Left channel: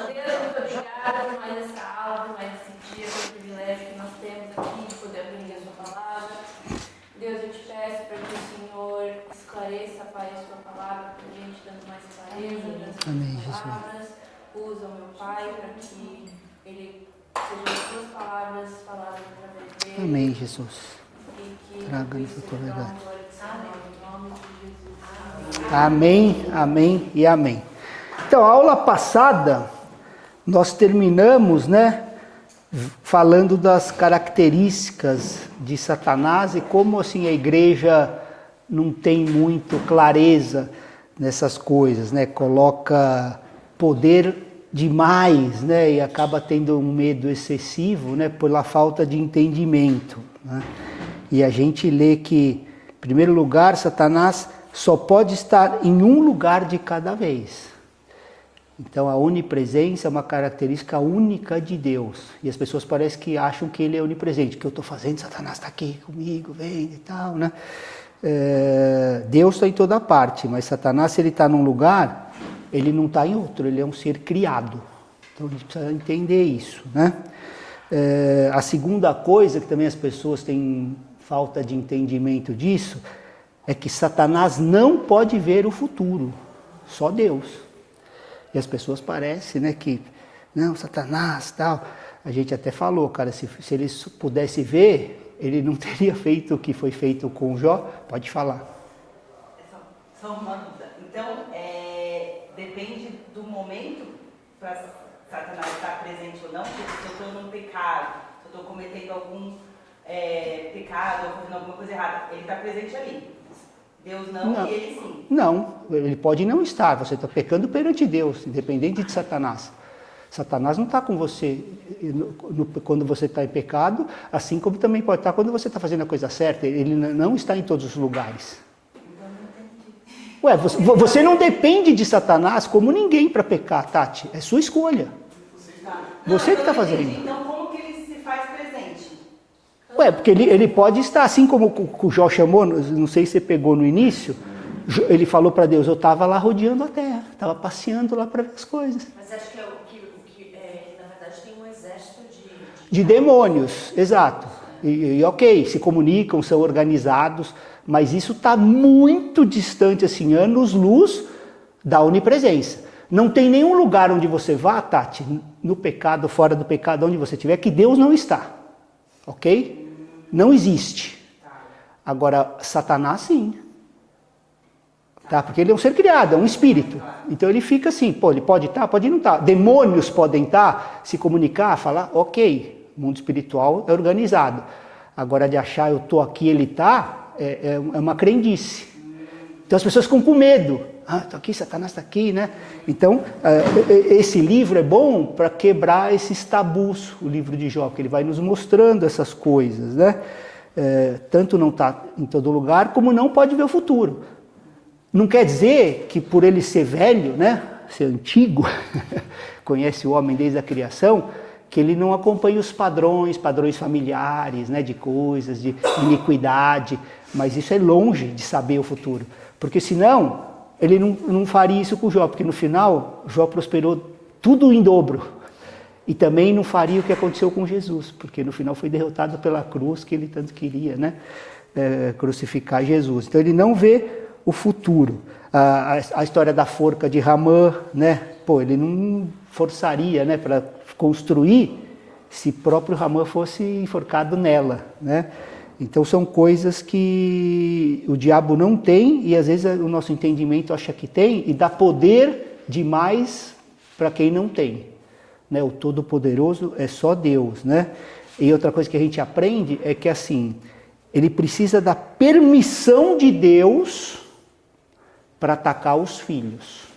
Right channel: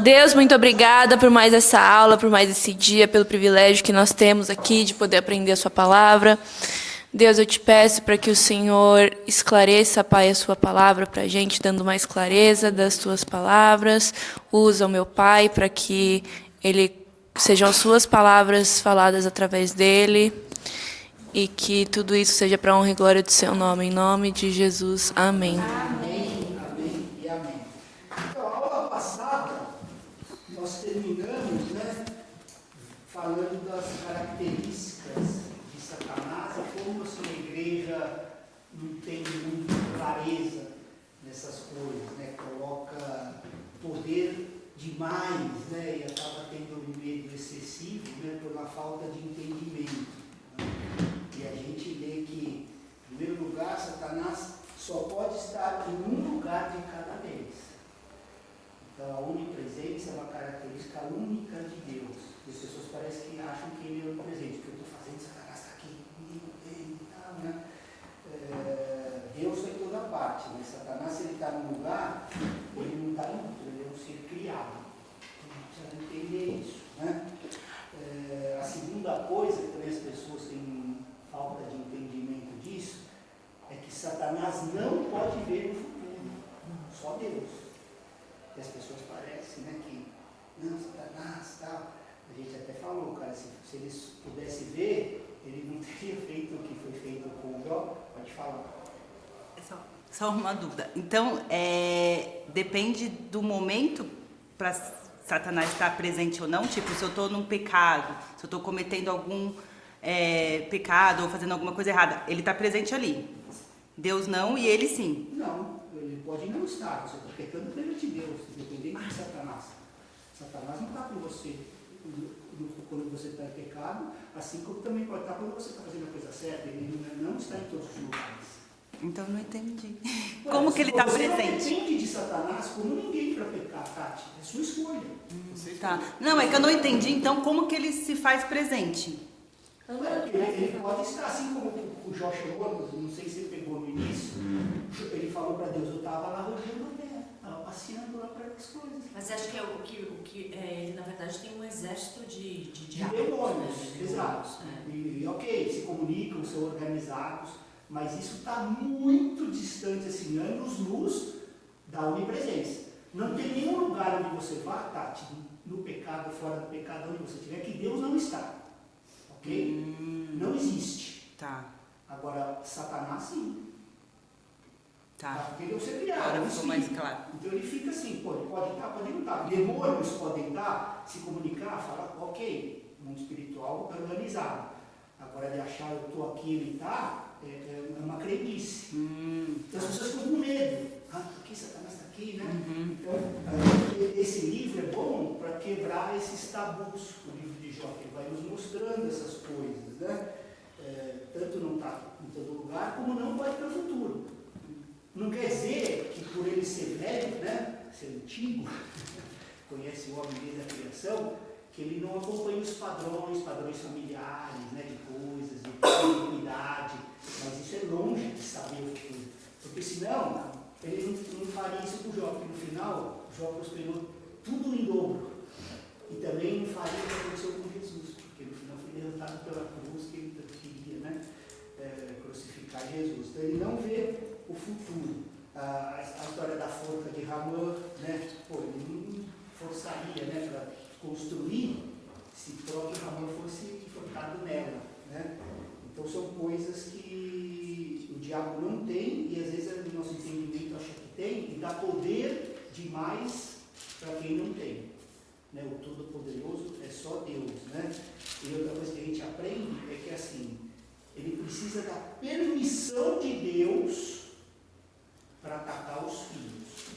Deus, muito obrigada por mais essa aula, por mais esse dia, pelo privilégio que nós temos aqui de poder aprender a sua palavra. Deus, eu te peço para que o Senhor esclareça, Pai, a sua palavra para a gente, dando mais clareza das tuas palavras. Usa o meu Pai para que sejam as suas palavras faladas através dele. Amém, Jesus. E que tudo isso seja para a honra e glória do seu nome. Em nome de Jesus. Amém. Amém, amém e amém. Então, a aula passada, nós terminamos, falando das características de Satanás e como assim a igreja não tem muito clareza nessas coisas, coloca poder demais, e acaba tendo um medo excessivo, pela falta de entendimento, E a gente lê que, em primeiro lugar, Satanás só pode estar em um lugar de cada vez. Então a onipresença é uma característica única de Deus. E as pessoas parecem que acham que ele é onipresente. O que eu estou fazendo, Satanás está aqui comigo, vem e tal, Deus está em toda parte, mas Satanás, se ele está num lugar, ele não está em outro, ele é um ser criado. Então a gente precisa entender isso, A segunda coisa, que também as pessoas têm falta de entendimento disso, é que Satanás não pode ver o futuro, só Deus. E as pessoas parecem, que, não, Satanás, tal. A gente até falou, cara, se ele pudesse ver, ele não teria feito o que foi feito com Jó. Pode falar. Só uma dúvida. Então, depende do momento para Satanás estar presente ou não? Tipo, se eu estou num pecado, se eu estou cometendo algum pecado ou fazendo alguma coisa errada, ele está presente ali. Deus não e ele sim. Não, ele pode não estar, você está pecando perante Deus, independente de Satanás. Satanás não está com você quando você está em pecado, assim como também pode estar quando você está fazendo a coisa certa, ele não está em todos os lugares. Então não entendi. Ué, você não depende de Satanás como ninguém para pecar, Tati, é sua escolha. Tá. Não, você é que eu não tá entendi, fazendo. então como que ele se faz presente? Porque ele pode estar, assim como o Jó chamou, não sei se você pegou no início, ele falou para Deus, eu estava lá rodeando a terra, estava passeando lá para ver as coisas. Mas você acha que na verdade tem um exército de demônios, exato. E ok, se comunicam, são organizados, mas isso está muito distante, assim, anos-luz da onipresença. Não tem nenhum lugar onde você vá, Tati, no pecado, fora do pecado, onde você estiver, que Deus não está. Ok? Não existe. Tá. Agora, Satanás sim. Tá? Porque ele é um ser criado, é um espírito. Claro. Então ele fica assim, ele pode estar, pode não estar. Demônios podem estar, se comunicar, falar, ok, o mundo espiritual é organizado. Agora de achar eu estou aqui, ele está, é uma crendice. Então as pessoas ficam com medo. Estou aqui, Satanás está aqui, Então, esse livro é bom para quebrar esses tabus, o livro de Jó, porque ele vai nos mostrando essas coisas, tanto não está em todo lugar, como não pode ver o futuro. Não quer dizer que por ele ser velho, ser antigo, conhece o homem desde a criação, que ele não acompanha os padrões familiares, de coisas, de iniquidade, mas isso é longe de saber o futuro, porque senão ele não faria isso com Jó, porque no final Jó prosperou tudo em dobro. E também não faria o que aconteceu com Jesus, porque no final foi derrotado pela cruz que ele tanto queria, crucificar Jesus. Então ele não vê o futuro. A história da forca de Ramã, ele não forçaria, para construir se próprio Ramã fosse enforcado nela, Então são coisas que o diabo não tem e às vezes o nosso entendimento acha que tem e dá poder demais para quem não tem. O Todo-Poderoso é só Deus. E outra coisa que a gente aprende é que assim, ele precisa da permissão de Deus para atacar os filhos.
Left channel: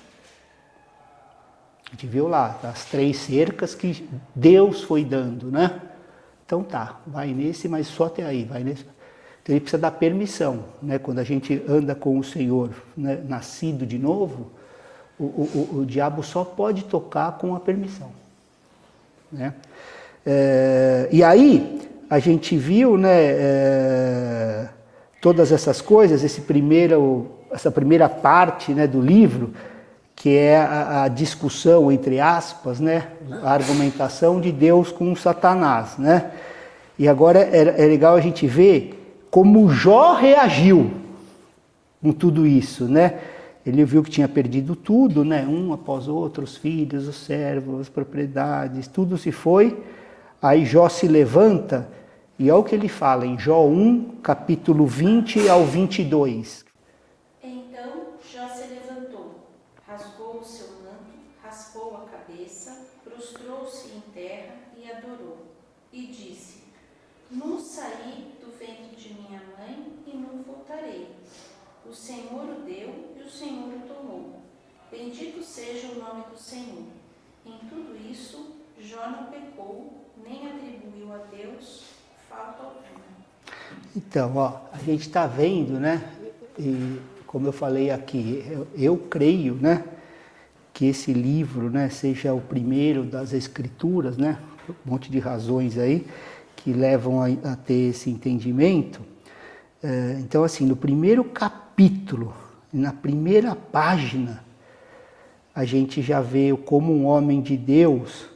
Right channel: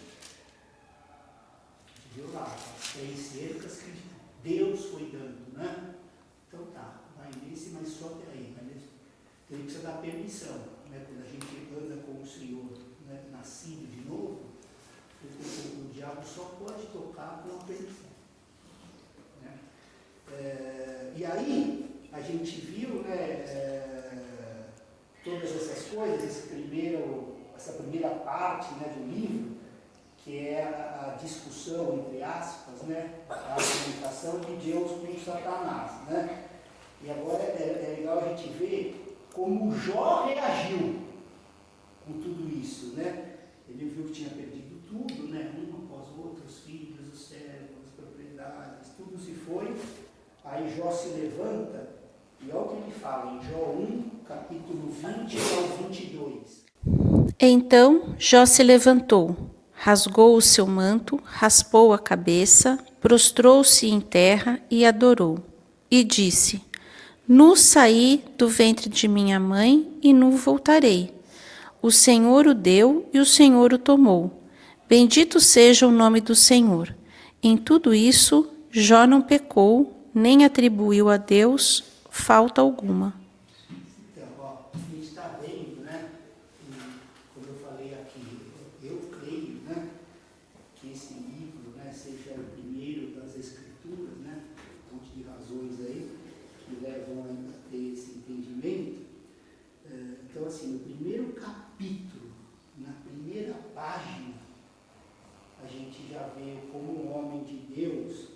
A gente viu lá, as 3 cercas que Deus foi dando, Então tá, vai nesse, mas só até aí, vai nesse. Então ele precisa dar permissão, Quando a gente anda com o Senhor, nascido de novo, o diabo só pode tocar com a permissão, E aí a gente viu, todas essas coisas, essa primeira parte, do livro, que é a discussão, entre aspas, né? A argumentação de Deus com Satanás, né? E agora é legal a gente ver como Jó reagiu com tudo isso, né? Ele viu que tinha perdido tudo, né? Um após outro, os filhos, os servos, as propriedades, tudo se foi. Aí Jó se levanta e olha o que ele fala em Jó 1, capítulo 20 ao 22. Então Jó se levantou, rasgou o seu manto, raspou a cabeça, prostrou-se em terra e adorou. E disse: Nu saí do ventre de minha mãe e nu voltarei. O Senhor o deu e o Senhor o tomou. Bendito seja o nome do Senhor. Em tudo isso, Jó não pecou, nem atribuiu a Deus falta alguma. Então, ó, a gente está vendo, né? E como eu falei aqui, eu creio, né? Que esse livro, né? Seja o primeiro das Escrituras, né? Um monte de razões aí que levam a ter esse entendimento. Então, assim, no primeiro capítulo, na primeira página, a gente já vê como um homem de Deus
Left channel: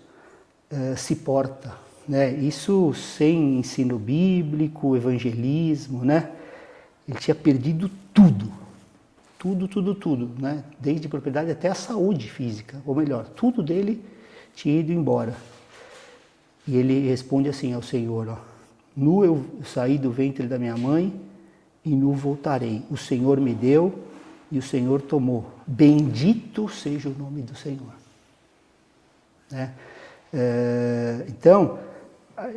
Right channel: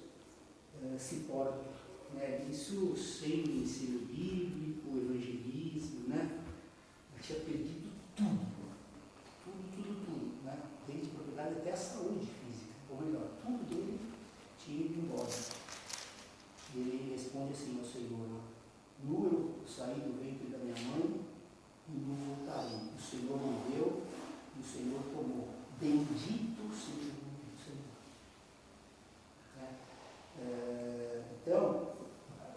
se porta, né? Isso sem ensino bíblico, evangelismo, né? Ele tinha perdido tudo, né? Desde propriedade até a saúde física, ou melhor, tudo dele tinha ido embora. E ele responde assim ao Senhor, ó, nu eu saí do ventre da minha mãe e nu voltarei. O Senhor me deu e o Senhor tomou. Bendito seja o nome do Senhor. Né? Então,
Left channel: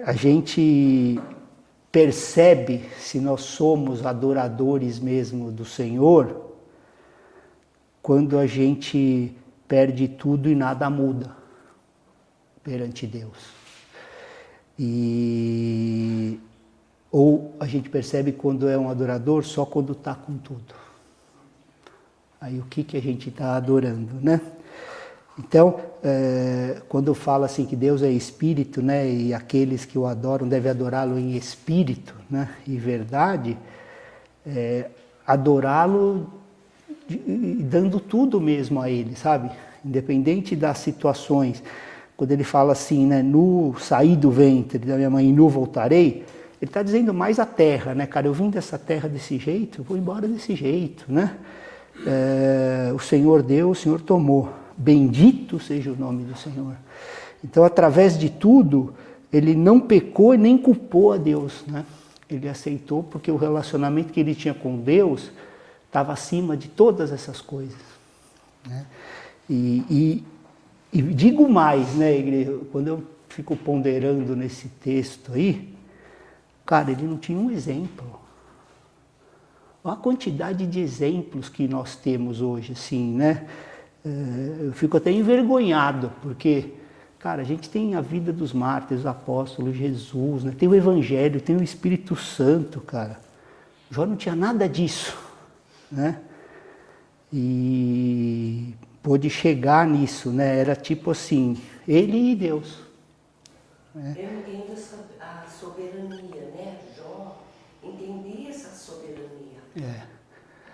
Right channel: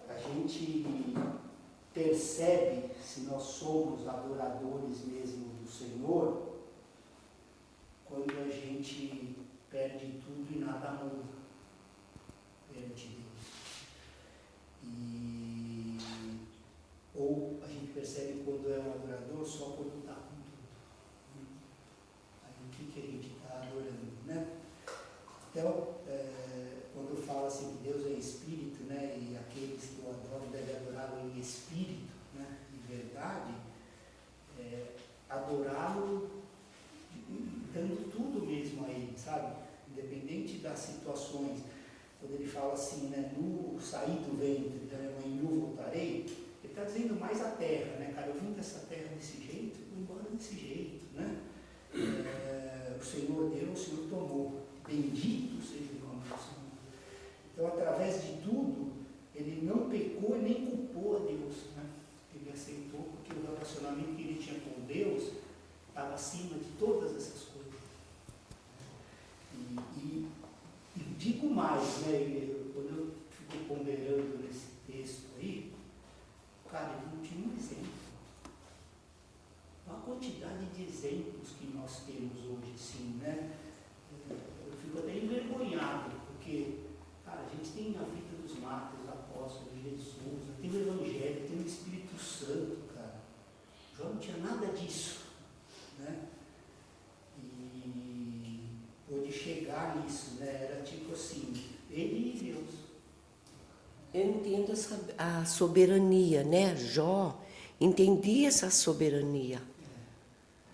a gente percebe se nós somos adoradores mesmo do Senhor quando a gente perde tudo e nada muda perante Deus. Ou a gente percebe quando é um adorador só quando está com tudo. Aí o que a gente está adorando, né? Então, quando fala assim que Deus é espírito, né, e aqueles que o adoram devem adorá-lo em espírito, né, e verdade, adorá-lo dando tudo mesmo a ele, sabe? Independente das situações. Quando ele fala assim, né, nu saí do ventre da minha mãe e nu voltarei, ele está dizendo mais a terra, né, cara? Eu vim dessa terra desse jeito, eu vou embora desse jeito, né? O Senhor deu, o Senhor tomou. Bendito seja o nome do Senhor. Então, através de tudo, ele não pecou e nem culpou a Deus, né? Ele aceitou porque o relacionamento que ele tinha com Deus estava acima de todas essas coisas, né? E digo mais, né, igreja, quando eu fico ponderando nesse texto aí, cara, ele não tinha um exemplo. Olha a quantidade de exemplos que nós temos hoje, assim, né? Eu fico até envergonhado, porque, cara, a gente tem a vida dos mártires, os apóstolos, Jesus, né? Tem o Evangelho, tem o Espírito Santo, cara. Jó não tinha nada disso, né? E pôde chegar nisso, né? Era tipo assim, ele e Deus. Né? Eu entendo a soberania, né? Jó entendia essa soberania.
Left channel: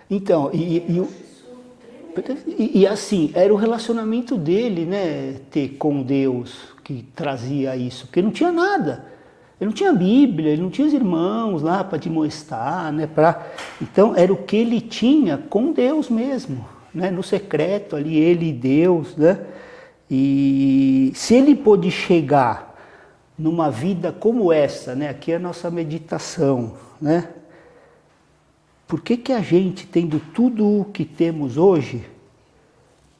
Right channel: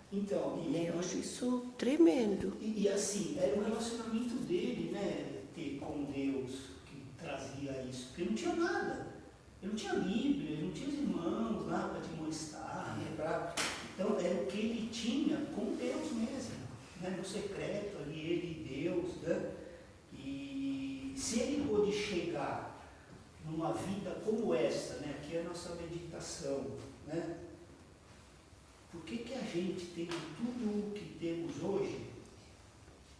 Então, Eu acho isso tremendo. E assim, era o relacionamento dele, né? Ter com Deus que trazia isso, porque não tinha nada. Ele não tinha Bíblia, ele não tinha os irmãos lá para demonstrar, né? Então, era o que ele tinha com Deus mesmo. Né, no secreto ali, ele e Deus, né? E se ele pôde chegar numa vida como essa, né? Aqui é a nossa meditação, né? Por que a gente, tendo tudo o que temos hoje,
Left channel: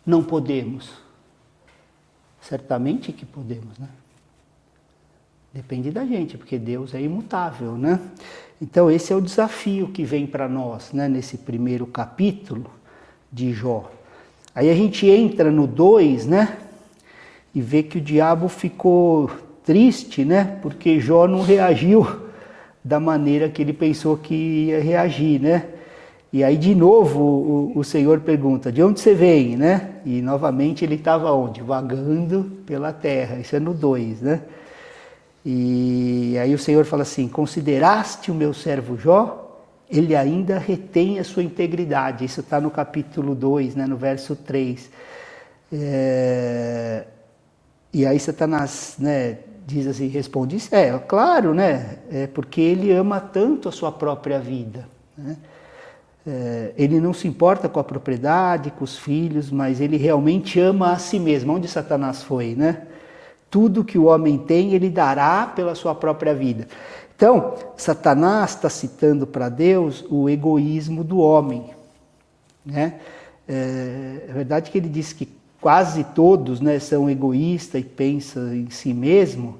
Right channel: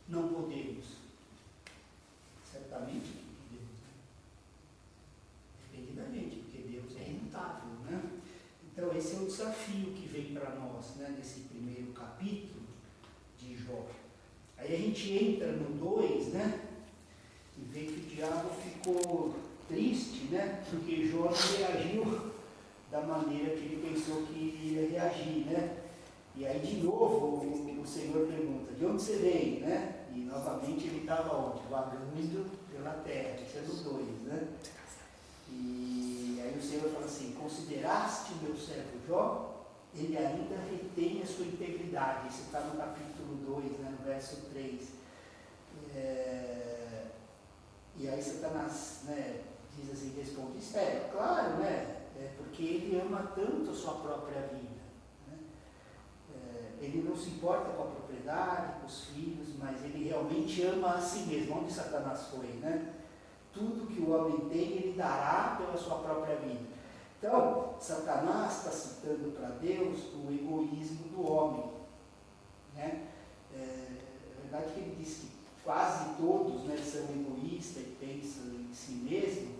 não podemos? Certamente que podemos, né? Depende da gente, porque Deus é imutável, né? Então esse é o desafio que vem para nós, né? Nesse primeiro capítulo de Jó. Aí a gente entra no 2, né? E vê que o diabo ficou triste, né? Porque Jó não reagiu da maneira que ele pensou que ia reagir, né? E aí de novo o Senhor pergunta, de onde você vem, né? E novamente ele estava onde? Vagando pela terra. Isso é no 2, né? E aí o Senhor fala assim, consideraste o meu servo Jó? Ele ainda retém a sua integridade. Isso está no capítulo 2, né, no verso 3. E aí Satanás, né, diz assim, responde, claro, né, porque ele ama tanto a sua própria vida, né? Ele não se importa com a propriedade, com os filhos, mas ele realmente ama a si mesmo. Onde Satanás foi, né? Tudo que o homem tem, ele dará pela sua própria vida. Então, Satanás está citando para Deus o egoísmo do homem, né? É verdade que ele diz que quase todos, né, são egoístas e pensam em si mesmo.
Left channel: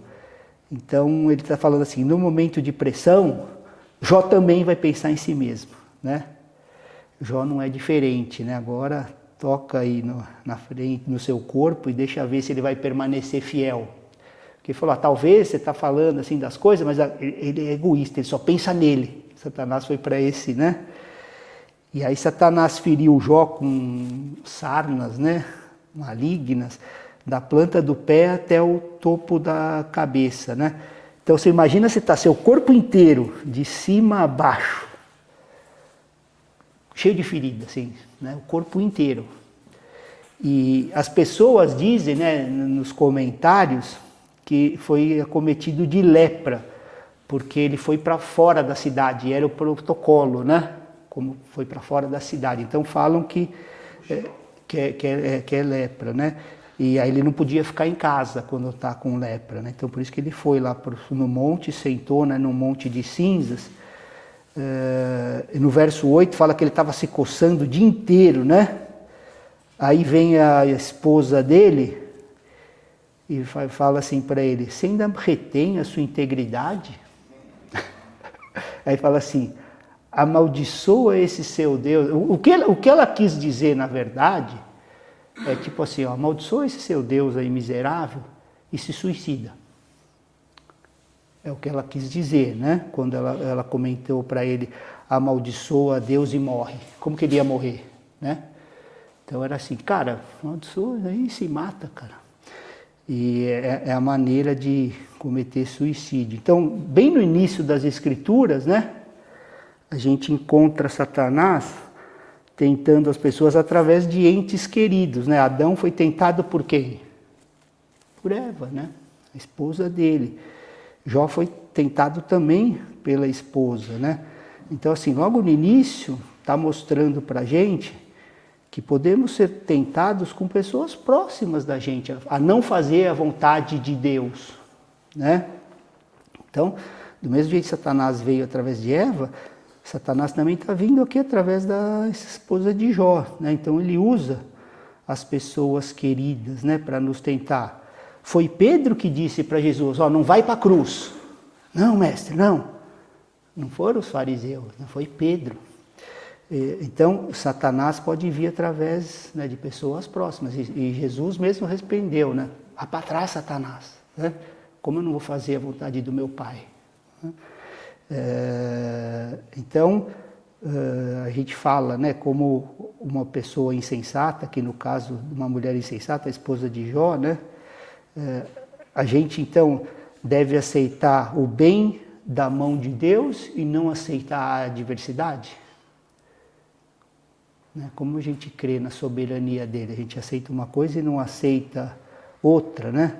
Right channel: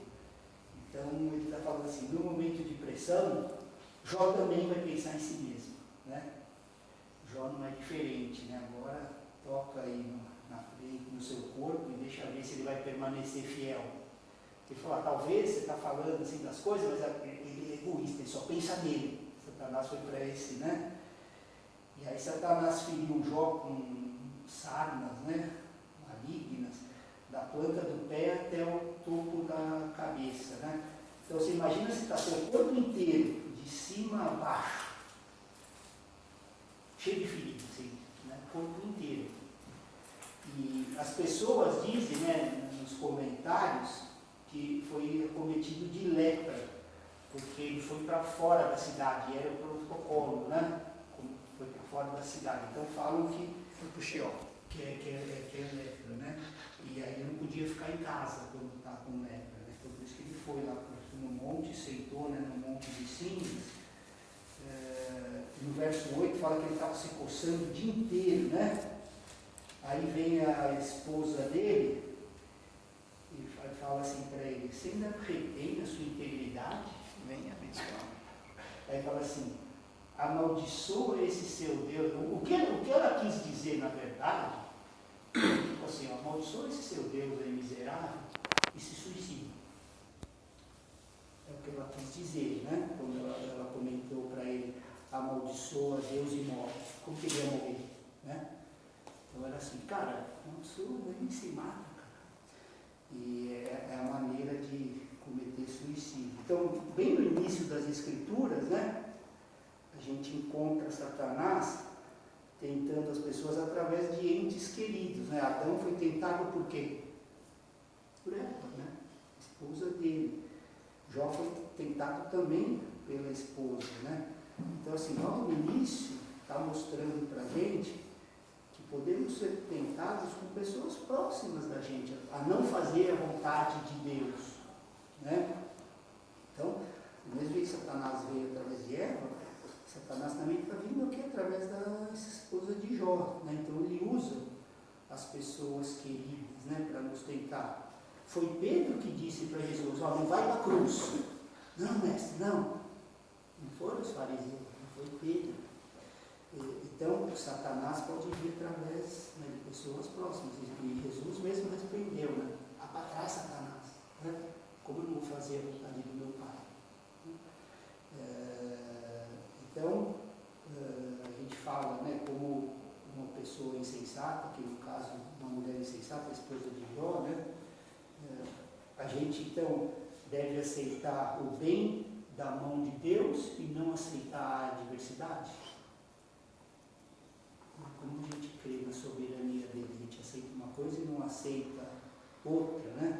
Então, ele está falando assim, no momento de pressão, Jó também vai pensar em si mesmo, né? Jó não é diferente, né? Agora toca aí na frente, no seu corpo e deixa ver se ele vai permanecer fiel. Porque ele falou, talvez você está falando assim das coisas, mas ele é egoísta, ele só pensa nele. Satanás foi para esse, né? E aí Satanás feriu Jó com sarnas, né? Malignas, da planta do pé até o topo da cabeça, né? Então você imagina se está seu corpo inteiro, de cima a baixo, cheio de ferida, assim, né? O corpo inteiro. E as pessoas dizem, né, nos comentários, que foi acometido de lepra, porque ele foi para fora da cidade, era o protocolo, né? Como foi para fora da cidade. Então falam que é lepra, né? E aí ele não podia ficar em casa quando está com lepra, né? Então por isso que ele foi lá no monte, sentou, né, num monte de cinzas. No verso 8 fala que ele estava se coçando o dia inteiro, né? Aí vem a esposa dele e fala assim para ele, você ainda retém a sua integridade? Aí fala assim, amaldiçoa esse seu Deus. O que ela quis dizer, na verdade, é tipo assim, amaldiçoa esse seu Deus aí miserável e se suicida. É o que ela quis dizer, né? Quando ela comentou para ele, amaldiçoa Deus e morre. Como que ele ia morrer, né? Então era assim, cara, amaldiçoa aí se mata, cara. E é a maneira de cometer suicídio. Então, bem no início das Escrituras, né? A gente encontra Satanás tentando as pessoas através de entes queridos, né? Adão foi tentado por quem? Por Eva, né? A esposa dele. Jó foi tentado também pela esposa, né? Então, assim, logo no início, está mostrando para a gente que podemos ser tentados com pessoas próximas da gente, a não fazer a vontade de Deus, né? Então, do mesmo jeito que Satanás veio através de Eva, Satanás também está vindo aqui através da esposa de Jó, né? Então ele usa as pessoas queridas, né, para nos tentar. Foi Pedro que disse para Jesus, não vai para a cruz. Não, mestre, não. Não foram os fariseus, não foi Pedro. Então, Satanás pode vir através, né, de pessoas próximas. E Jesus mesmo repreendeu, né? Vá para trás, Satanás, né? Como eu não vou fazer a vontade do meu Pai? Então, a gente fala, né, como uma pessoa insensata, que no caso, uma mulher insensata, a esposa de Jó, né? A gente, então, deve aceitar o bem da mão de Deus e não aceitar a adversidade. Como a gente crê na soberania dele, a gente aceita uma coisa e não aceita outra, né?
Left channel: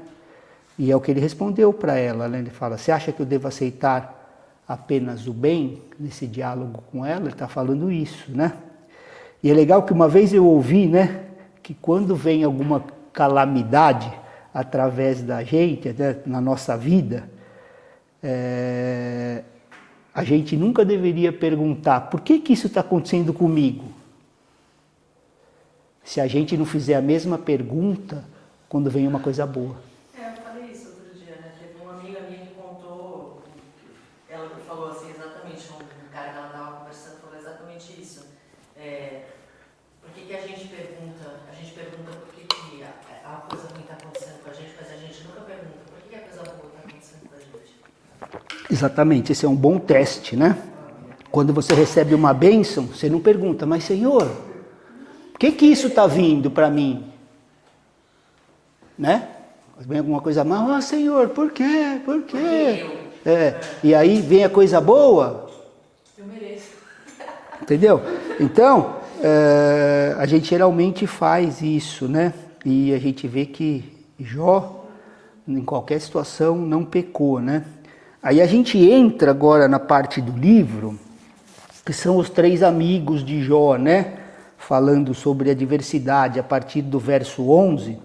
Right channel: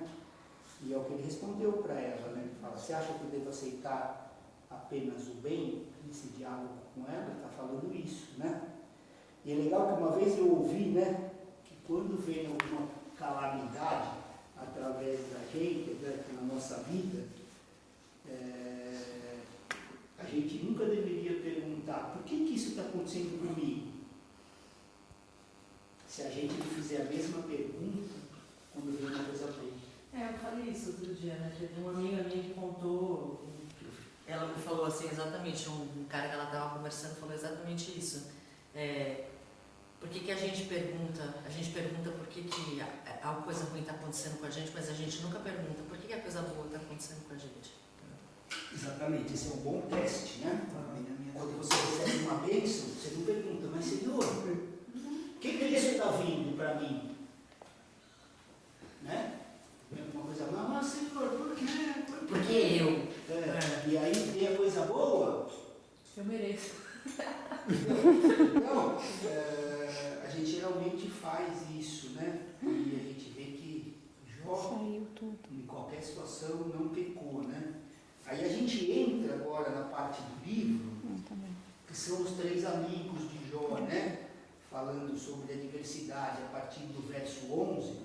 E é o que ele respondeu para ela, né? Ele fala, você acha que eu devo aceitar apenas o bem nesse diálogo com ela? Ele está falando isso, né? E é legal que uma vez eu ouvi, né, que quando vem alguma calamidade através da gente, né, na nossa vida, a gente nunca deveria perguntar, por que isso está acontecendo comigo? Se a gente não fizer a mesma pergunta quando vem uma coisa boa. Eu falei isso outro dia, né? Teve uma amiga minha que contou, ela falou assim, exatamente, um cara que ela estava conversando falou exatamente isso. Por que a gente pergunta? A gente pergunta por que a coisa ruim está acontecendo com a gente, mas a gente nunca pergunta por que a coisa boa está acontecendo com a gente. Exatamente, esse é um bom teste, né? Quando você recebe uma bênção, você não pergunta, mas Senhor, por que isso está vindo para mim? Né? Vem alguma coisa mal, Senhor, por quê? Por quê? E aí vem a coisa boa. Eu mereço. Entendeu? Então, a gente geralmente faz isso, né? E a gente vê que Jó, em qualquer situação, não pecou, né? Aí a gente entra agora na parte do livro, que são os 3 amigos de Jó, né? Falando sobre a diversidade a partir do verso 11.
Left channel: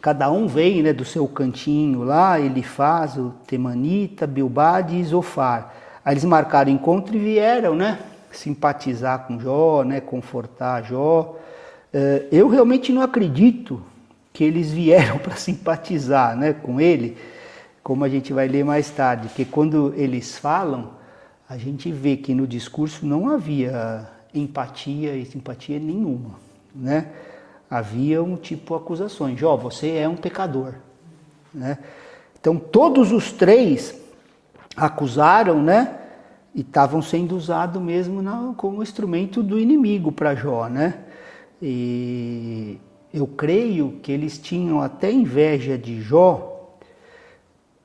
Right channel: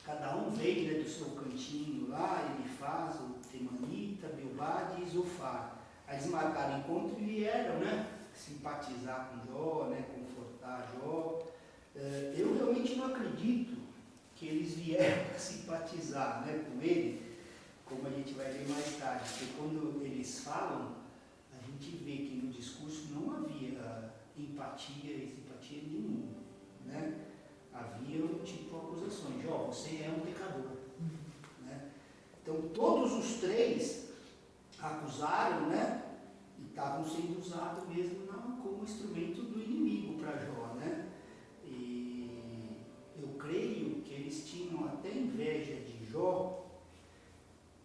Cada um vem, né, do seu cantinho lá, Elifaz, o Temanita, Bildade e Zofar. Aí eles marcaram encontro e vieram, né? Simpatizar com Jó, né? Confortar Jó. Eu realmente não acredito que eles vieram para simpatizar, né, com ele, como a gente vai ler mais tarde, porque quando eles falam, a gente vê que no discurso não havia empatia e simpatia nenhuma, né? Havia um tipo de acusações. Jó, você é um pecador, né? Então todos os 3 acusaram, né? E estavam sendo usados mesmo como instrumento do inimigo para Jó, né? E eu creio que eles tinham até inveja de Jó.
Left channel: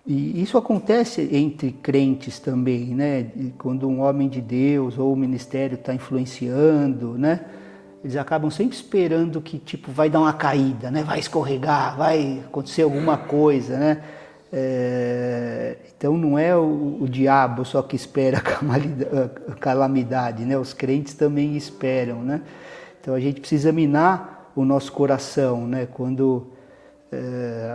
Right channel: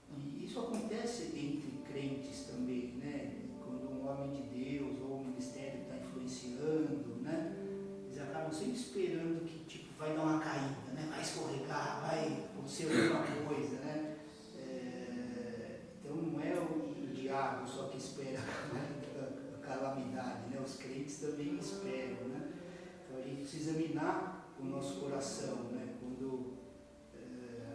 E isso acontece entre crentes também, né? Quando um homem de Deus ou o ministério está influenciando, né? Eles acabam sempre esperando que tipo vai dar uma caída, né? Vai escorregar, vai acontecer alguma coisa, né? Então não é o diabo só que espera a calamidade, né? Os crentes também esperam, né? Então a gente precisa minar o nosso coração, né? Quando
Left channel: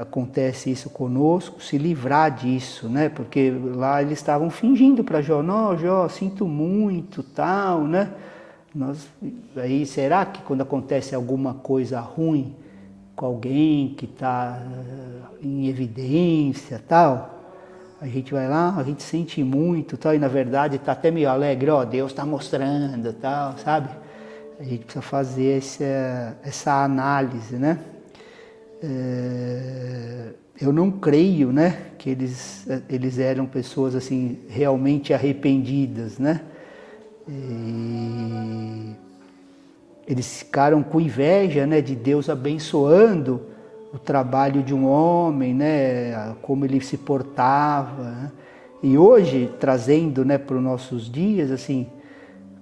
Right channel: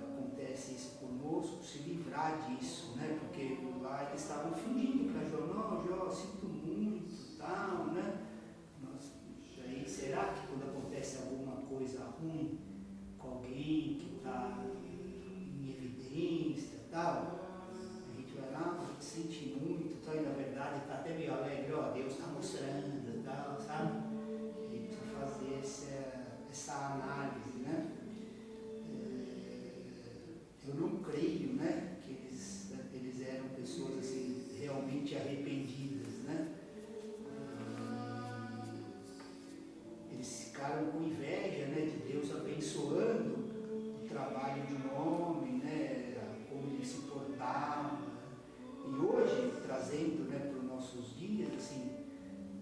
acontece isso conosco, se livrar disso, né? Porque lá eles estavam fingindo para Jó, não, Jó, sinto muito, tal, né? Aí será que quando acontece alguma coisa ruim com alguém que está em evidência, tal, a gente vai lá, a gente sente muito, tal, e na verdade está até meio alegre, ó, Deus está mostrando, tal, sabe? A gente precisa fazer essa análise, né? Eu não creio, né, que eles eram pessoas assim realmente arrependidas, né? E eles ficaram com inveja, né, de Deus abençoando o trabalho de um homem, né, como ele se portava, né? E hoje, trazendo, né, para os nossos dias, assim,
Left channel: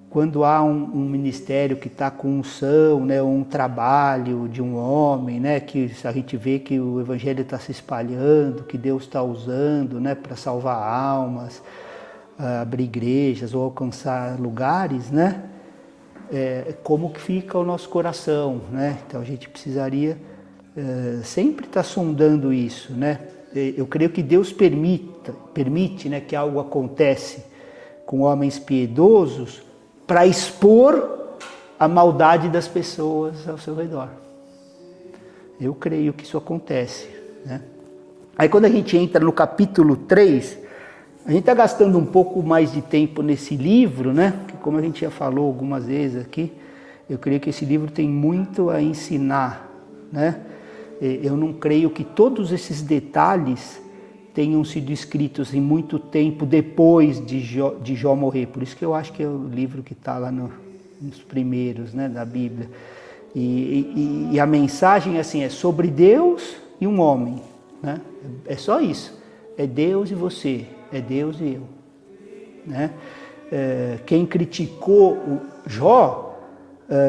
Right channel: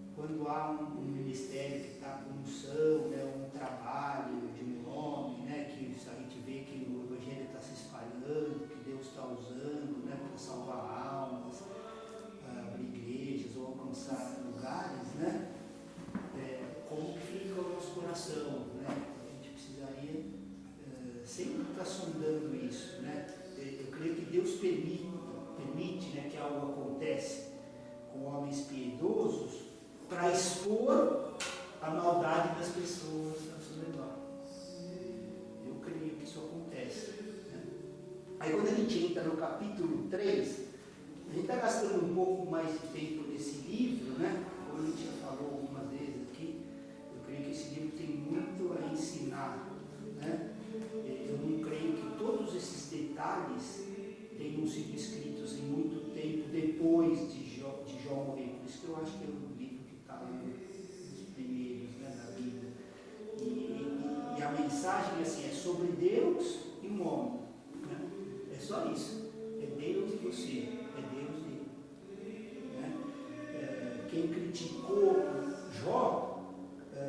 quando há um ministério que está com unção, né, um trabalho de um homem, né, que a gente vê que o evangelho está se espalhando, que Deus está usando, né, para salvar almas, abrir igrejas ou alcançar lugares, né, como que fica o nosso coração, né? Então a gente precisaria sempre estar sondando isso, né? Eu creio que Deus permite, né, que algo acontece com homens piedosos para expor a maldade das pessoas ao seu redor. Eu creio que isso acontece, né? Aí quando a gente entra no capítulo 3, a gente está gastando um pouco mais de tempo nesse livro, né? Porque como a gente já falou algumas vezes aqui, eu creio que esse livro tem muito a ensinar, né? Eu não creio que todos esses detalhes tenham sido escritos em muito tempo depois de Jó morrer. Por isso que eu acho que é o livro que está lá nos primeiros, né, da Bíblia. E a mensagem assim, é sobre Deus e um homem, né? É só isso. É Deus e você, é Deus e eu, né? Quem criticou o Jó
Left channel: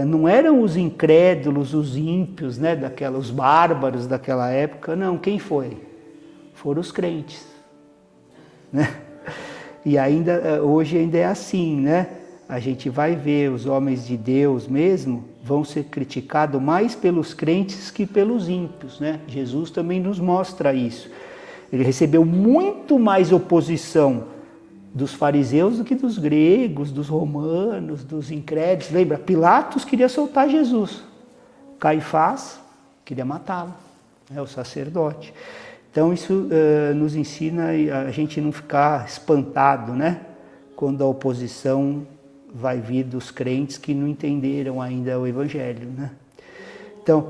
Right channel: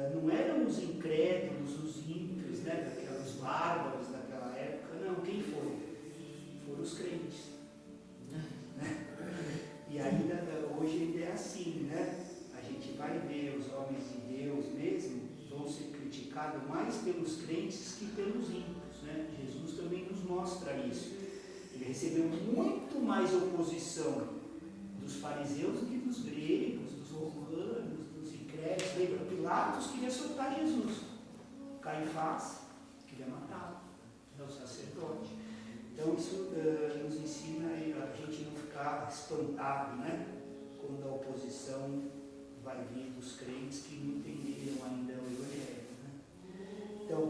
não eram os incrédulos, os ímpios, né, os bárbaros daquela época, não. Quem foi? Foram os crentes, né? E hoje ainda é assim, né? A gente vai ver os homens de Deus mesmo vão ser criticados mais pelos crentes que pelos ímpios, né? Jesus também nos mostra isso. Ele recebeu muito mais oposição dos fariseus do que dos gregos, dos romanos, dos incrédulos. Lembra? Pilatos queria soltar Jesus. Caifás queria matá-lo, o sacerdote. Então isso nos ensina a gente não ficar espantado, né? Quando a oposição vai vir dos crentes que não entenderam ainda o Evangelho, né? Então,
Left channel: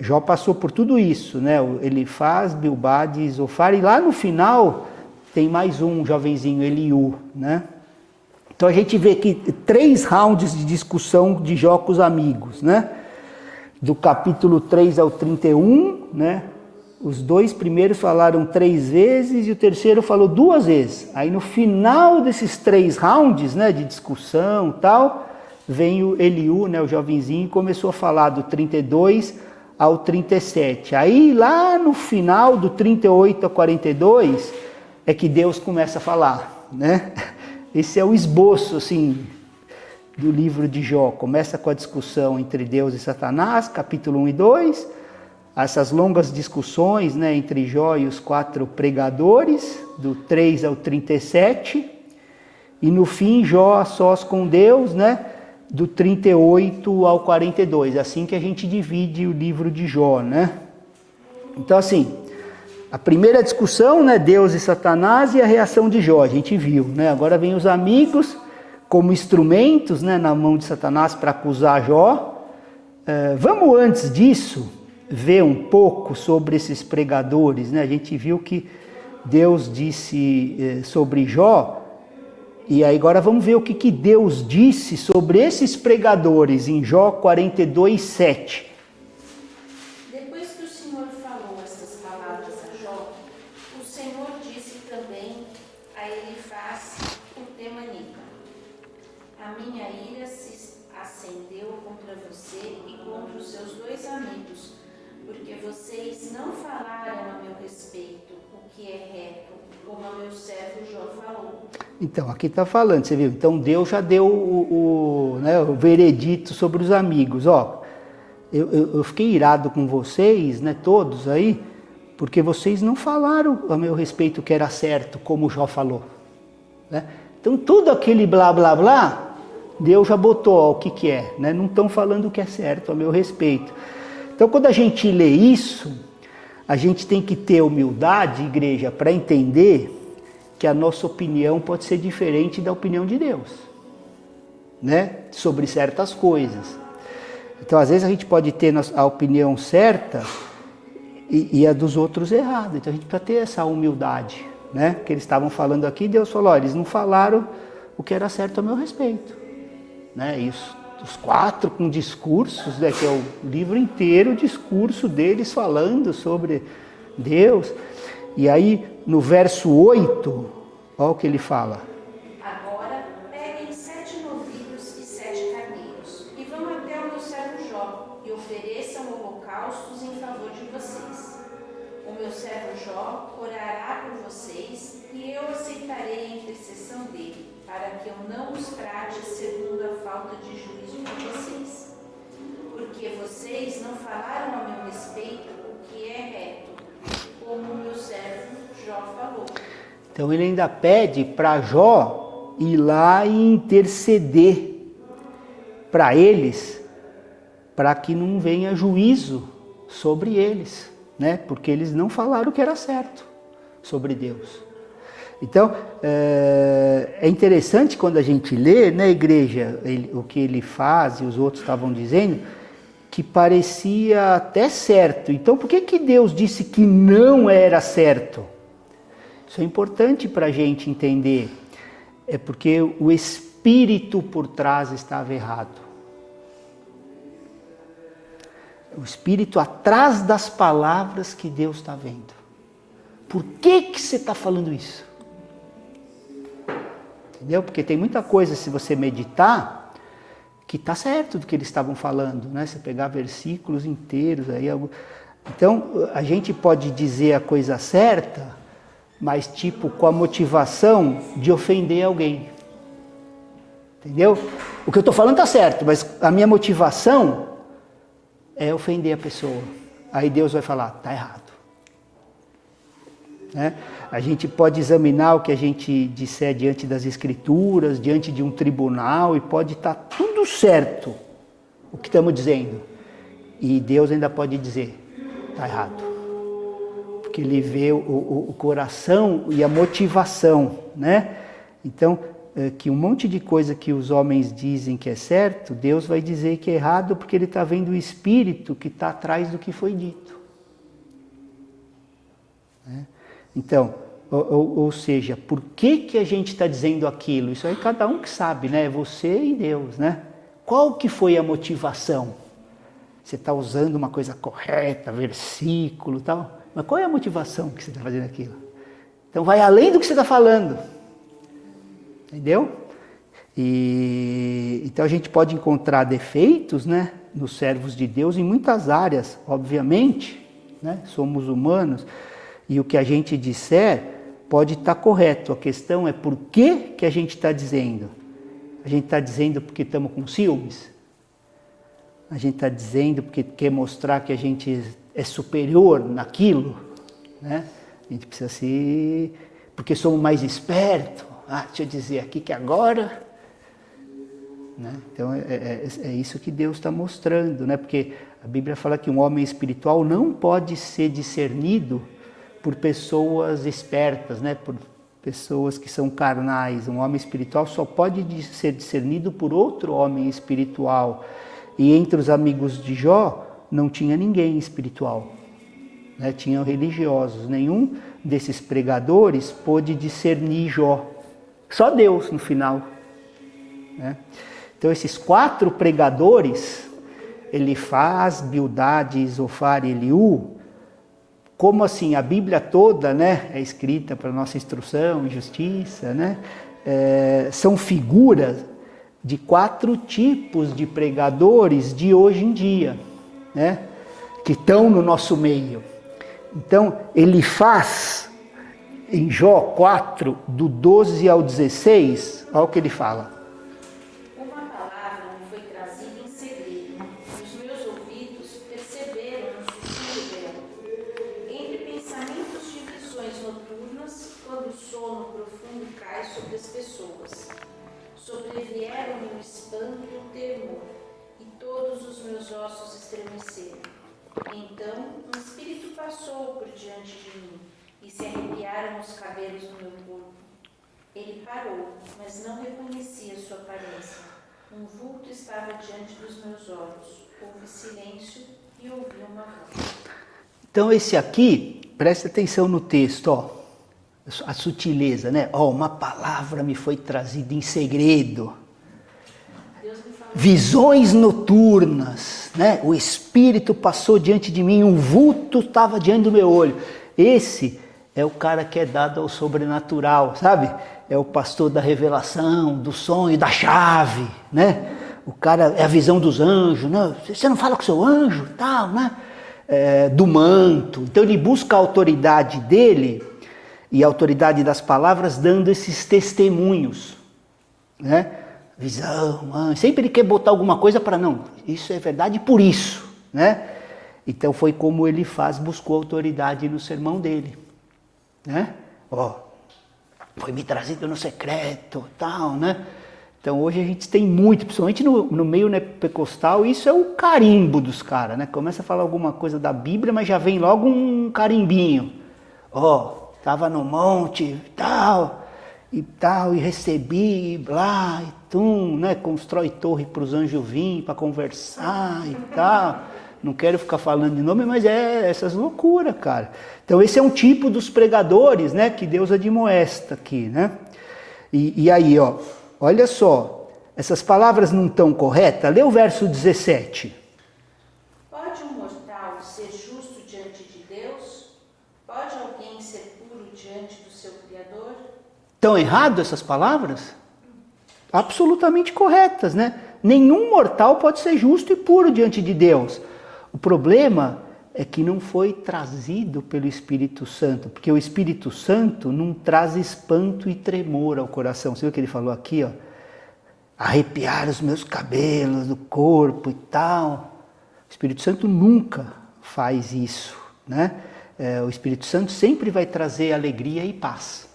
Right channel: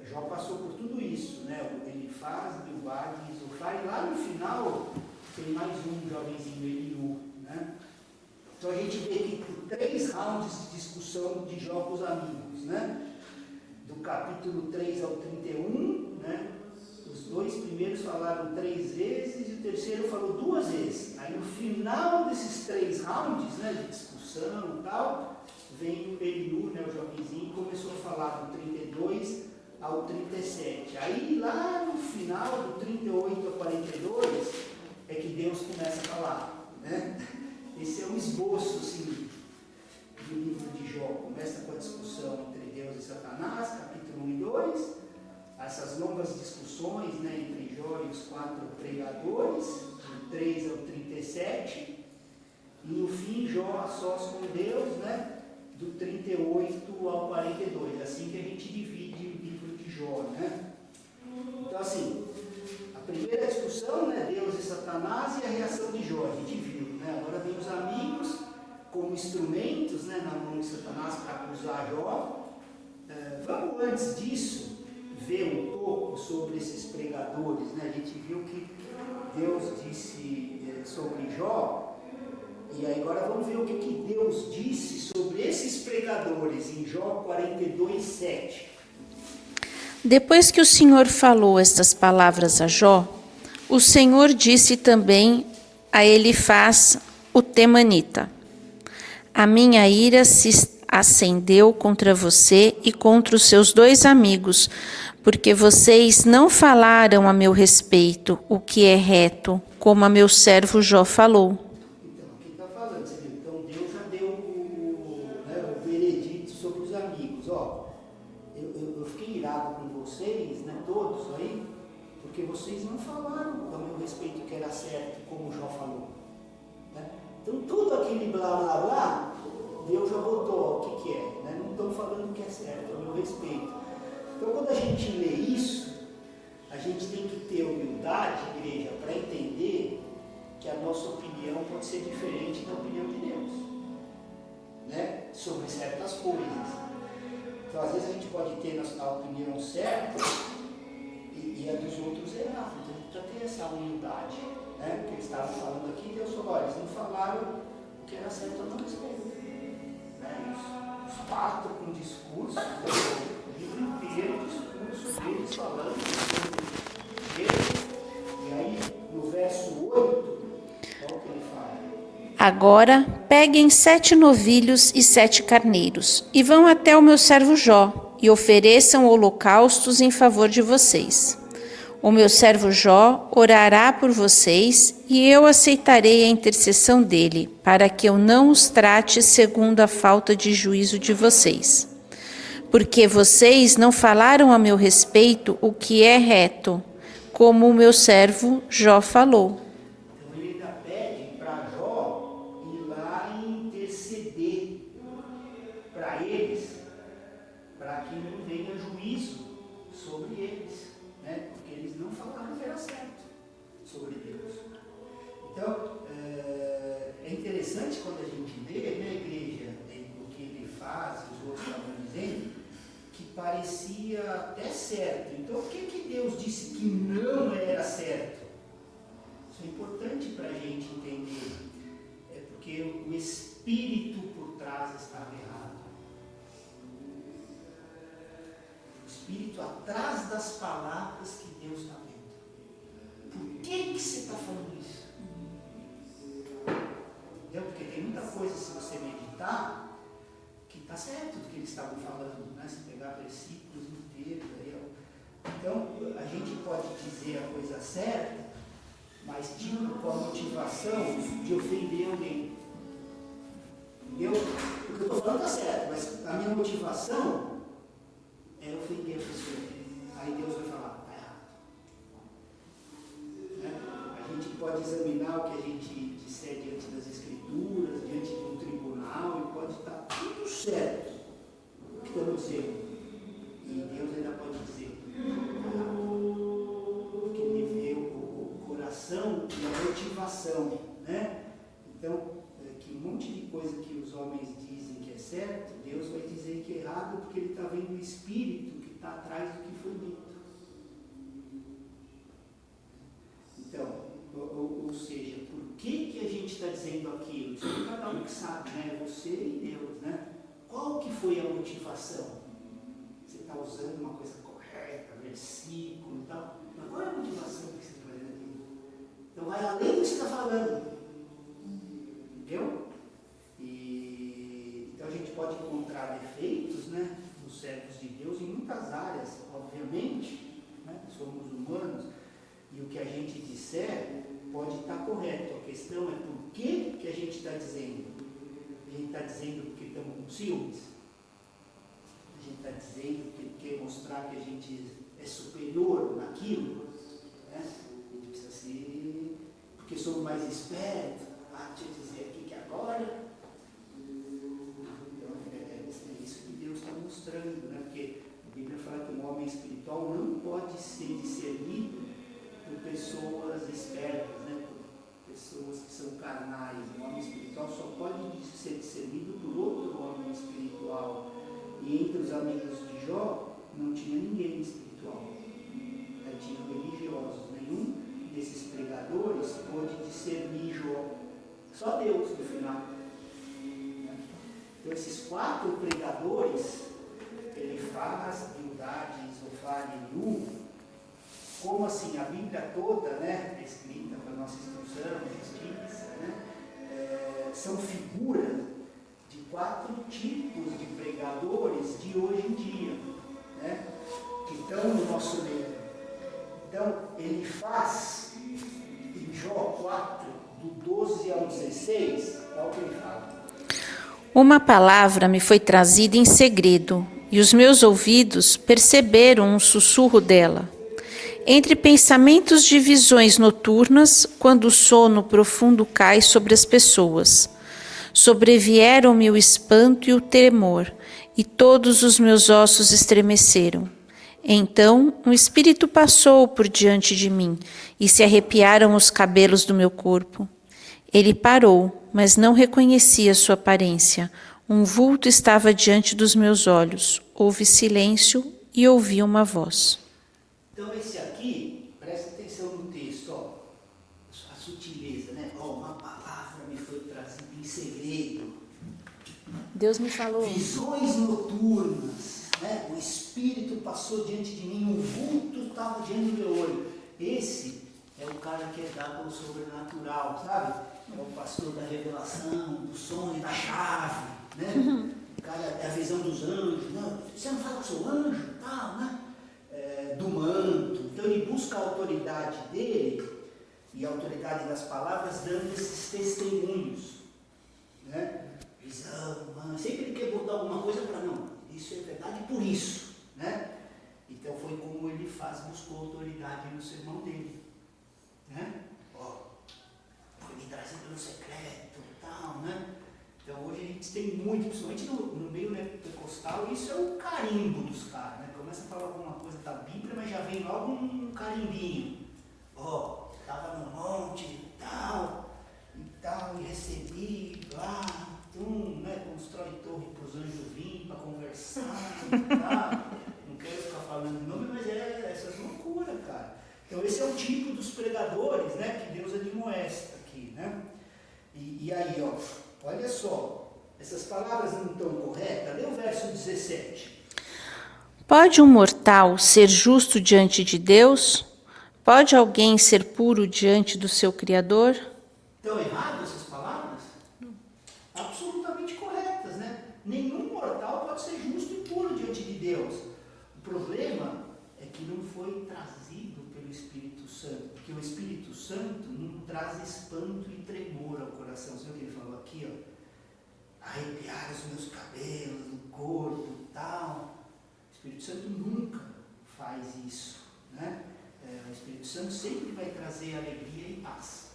Jó passou por tudo isso, né? Elifaz, Bildade e Zofar, e lá no final tem mais um jovenzinho, Eliú, né? Então a gente vê que 3 rounds de discussão de Jó com os amigos, né? Do capítulo 3 ao 31, né? Os 2 primeiros falaram 3 vezes e o terceiro falou 2 vezes. Aí no final desses 3 rounds, né, de discussão e tal, vem o Eliú, né, o jovenzinho, e começou a falar do 32 ao 37. Aí lá no final do 38 ao 42 é que Deus começa a falar, né? Esse é o esboço assim do livro de Jó. Começa com a discussão entre Deus e Satanás, capítulo 1 e 2. Essas longas discussões, né, entre Jó e os 4 pregadores, do 3 ao 37. E no fim, Jó a sós com Deus, né, do 38 ao 42. Assim que a gente divide o livro de Jó, né? Então, assim, a primeira discussão, né, Deus e Satanás, e a reação de Jó, a gente viu, né? Agora vem os amigos como instrumentos, né, na mão de Satanás para acusar Jó. Vamos antes disso ver um pouco sobre esses pregadores, né? A gente viu que Deus disse sobre Jó, e aí agora vamos ver o que Deus disse sobre esses pregadores em Jó 42, 7. Depois que o Senhor falou estas palavras a Jó, o Senhor disse também a Elifaz, o temanita: a minha ira se acendeu contra você e contra os seus 2 amigos, porque vocês não falaram a meu respeito o que é reto, como a meu servo Jó falou. Então, aqui está falando, você viu? Então Deus já deu o veredito sobre os amigos. Ó, eu fiquei irado com vocês, né, todos aí, porque vocês não falaram a meu respeito o que era certo, como Jó falou, né? Então tudo aquele blá blá blá, Deus já botou ó, o que é, né? Não estão falando o que é certo a meu respeito. Então quando a gente lê isso, a gente tem que ter humildade, igreja, para entender que a nossa opinião pode ser diferente da opinião de Deus, né? Sobre certas coisas. Então às vezes a gente pode ter a opinião certa e a dos outros errada. Então a gente precisa ter essa humildade, né? Que eles estavam falando aqui, Deus falou, ó, eles não falaram o que era certo a meu respeito, né? Isso, os 4 com discursos, né? Que é o livro inteiro, o discurso deles falando sobre Deus. E aí no verso 8, olha o que ele fala. Agora peguem 7 novilhos e 7 carneiros, e vão até o meu servo Jó, e ofereçam holocaustos em favor de vocês. O meu servo Jó orará por vocês, e eu aceitarei a intercessão dele, para que eu não os trate segundo a falta de juízo de vocês. Porque vocês não falaram a meu respeito o que é reto, como o meu servo Jó falou. Então ele ainda pede para Jó ir lá e interceder para eles, para que não venha juízo sobre eles, né? Porque eles não falaram o que era certo sobre Deus. Então é interessante quando a gente lê, né, igreja, o que ele faz e os outros estavam dizendo, que parecia até certo. Então por que Deus disse que não era certo? Isso é importante para a gente entender. É porque o espírito por trás estava errado. O espírito atrás das palavras que Deus está vendo. Por que você está falando isso? Entendeu? Porque tem muita coisa, se você meditar, que está certo do que eles estavam falando, né? Você pegar versículos inteiros aí. Então, a gente pode dizer a coisa certa, mas tipo com a motivação de ofender alguém. Entendeu? O que eu estou falando está certo, mas a minha motivação é ofender a pessoa. Aí Deus vai falar, está errado. Né? A gente pode examinar o que a gente disser diante das escrituras, diante de um tribunal, e pode estar tudo certo o que estamos dizendo. E Deus ainda pode dizer, está errado. Porque ele vê o coração e a motivação, né? Então, que um monte de coisa que os homens dizem que é certo, Deus vai dizer que é errado porque ele está vendo o espírito que está atrás do que foi dito. Né? Então, ou seja, por que a gente está dizendo aquilo? Isso aí cada um que sabe, né? É você e Deus, né? Qual que foi a motivação? Você está usando uma coisa correta, versículo e tal, mas qual é a motivação que você está fazendo aquilo? Então vai além do que você está falando. Entendeu? Então a gente pode encontrar defeitos, né, nos servos de Deus em muitas áreas, obviamente, né? Somos humanos e o que a gente disser pode estar correto. A questão é por que a gente está dizendo. A gente está dizendo porque estamos com ciúmes? A gente está dizendo porque quer mostrar que a gente é superior naquilo? Né? A gente precisa ser... Porque somos mais espertos. Deixa eu dizer aqui que agora... Né? Então é isso que Deus está mostrando, né? Porque a Bíblia fala que um homem espiritual não pode ser discernido por pessoas espertas, né? Por pessoas que são carnais. Um homem espiritual só pode ser discernido por outro homem espiritual. E entre os amigos de Jó não tinha ninguém espiritual, né? Tinham religiosos. Nenhum desses pregadores pôde discernir Jó. Só Deus no final, né? Então esses 4 pregadores, Elifaz, Bildade, Zofar e Eliú, como assim a Bíblia toda, né, é escrita para nossa instrução e justiça, né, são figuras de 4 tipos de pregadores de hoje em dia, né, que estão no nosso meio. Então Elifaz, em Jó 4, do 12 ao 16, olha o que ele fala. Uma palavra me foi trazida em segredo, e os meus ouvidos perceberam um sussurro dela. Entre pensamentos de visões noturnas, quando o sono profundo cai sobre as pessoas. Sobrevieram-me o espanto e o temor, e todos os meus ossos estremeceram. Então um espírito passou por diante de mim, e se arrepiaram os cabelos do meu corpo. Ele parou, mas não reconhecia sua aparência. Um vulto estava diante dos meus olhos. Houve silêncio e ouvi uma voz. Então esse aqui, preste atenção no texto, ó, a sutileza, né? Ó, uma palavra me foi trazida em segredo. Deus me falou. Visões noturnas, né? O Espírito passou diante de mim, um vulto estava diante do meu olho. Esse é o cara que é dado ao sobrenatural, sabe? É o pastor da revelação, do sonho, da chave, né? O cara é a visão dos anjos, né? Você não fala com o seu anjo, tal, né? Do manto. Então ele busca a autoridade dele e a autoridade das palavras dando esses testemunhos, né? Visão, anjo. Sempre ele quer botar alguma coisa para não, isso é verdade por isso, né? Então foi como ele buscou autoridade no sermão dele, né? Ó, foi me trazido no secreto, tal, né? Então hoje a gente tem muito, principalmente no meio neopentecostal, isso é o carimbo dos caras, né? Começa a falar alguma coisa da Bíblia, mas já vem logo um carimbinho. Ó, estava no monte e recebi, e blá, e tum, né? Constrói torre para os anjos virem, para conversar e tal. Não quero ficar falando de nome, mas essas loucuras, cara. Então esse é um tipo dos pregadores, né, que Deus admoesta aqui, né? E aí, ó, olha só, essas palavras não estão corretas? Lê o verso 17. Pode um mortal ser justo diante de Deus? Pode alguém ser puro diante do seu Criador? Estão erradas essas palavras? Absolutamente corretas, né? Nenhum mortal pode ser justo e puro diante de Deus. O problema é que não foi trazido pelo Espírito Santo, porque o Espírito Santo não traz espanto e tremor ao coração. Você viu o que ele falou aqui, ó? Arrepiar os meus cabelos do corpo e tal. O Espírito Santo nunca faz isso, né? O Espírito Santo sempre vai trazer alegria e paz.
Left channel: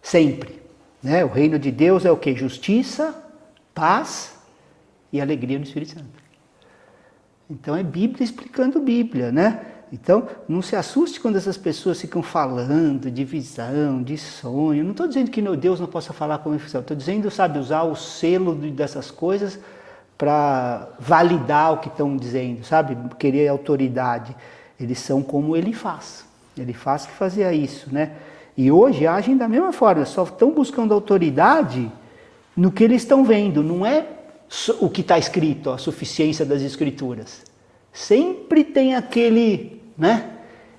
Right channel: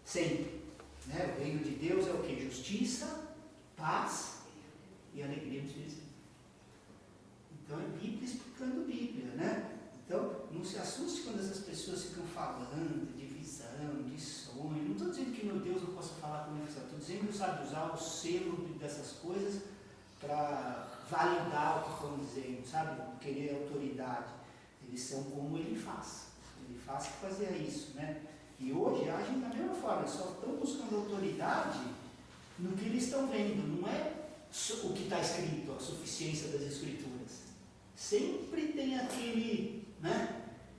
Sempre, né? O reino de Deus é o quê? Justiça, paz e alegria no Espírito Santo. Então é Bíblia explicando Bíblia, né? Então não se assuste quando essas pessoas ficam falando de visão, de sonho. Não estou dizendo que Deus não possa falar com visão. Estou dizendo, sabe, usar o selo dessas coisas para validar o que estão dizendo, sabe? Querer autoridade. Eles são como Elifaz. Elifaz que fazia isso, né? E hoje agem da mesma forma. Só estão buscando autoridade no que eles estão vendo. Não é o que está escrito, a suficiência das escrituras. Sempre tem aquele, né?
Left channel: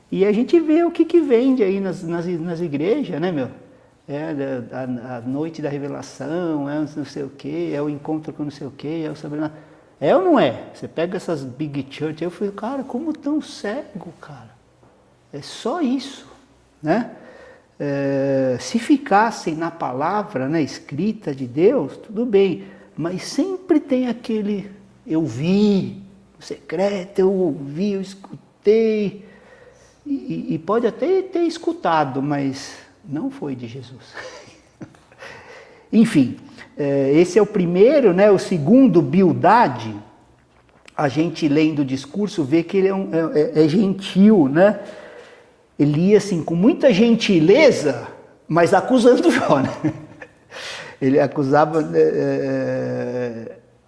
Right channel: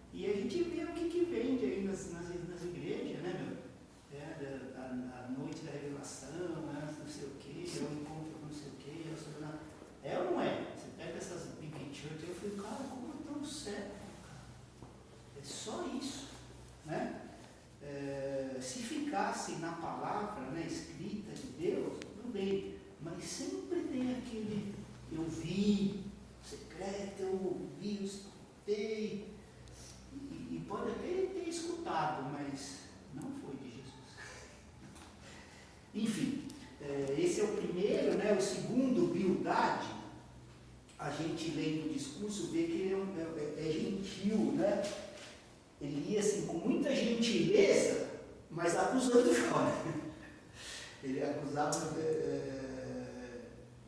E a gente vê o que vende aí nas igrejas, né, meu? A noite da revelação, é não sei o quê, é o encontro com não sei o quê, é o sobrenatural. É ou não é? Você pega essas big church, eu falei, cara, como tão cego, cara? É só isso, né? Se ficassem na palavra, né, escrita de Deus, tudo bem, mas sempre tem aquele, eu vi, o secreto, eu ouvi, eu escutei, e pode até ter escutado, mas não foi de Jesus. Enfim, esse é o primeiro, né? O segundo, Bildade, a gente lendo o discurso vê que ele é gentil, né? Ele ia assim com muita gentileza, mas acusando Jó, né? Ele acusava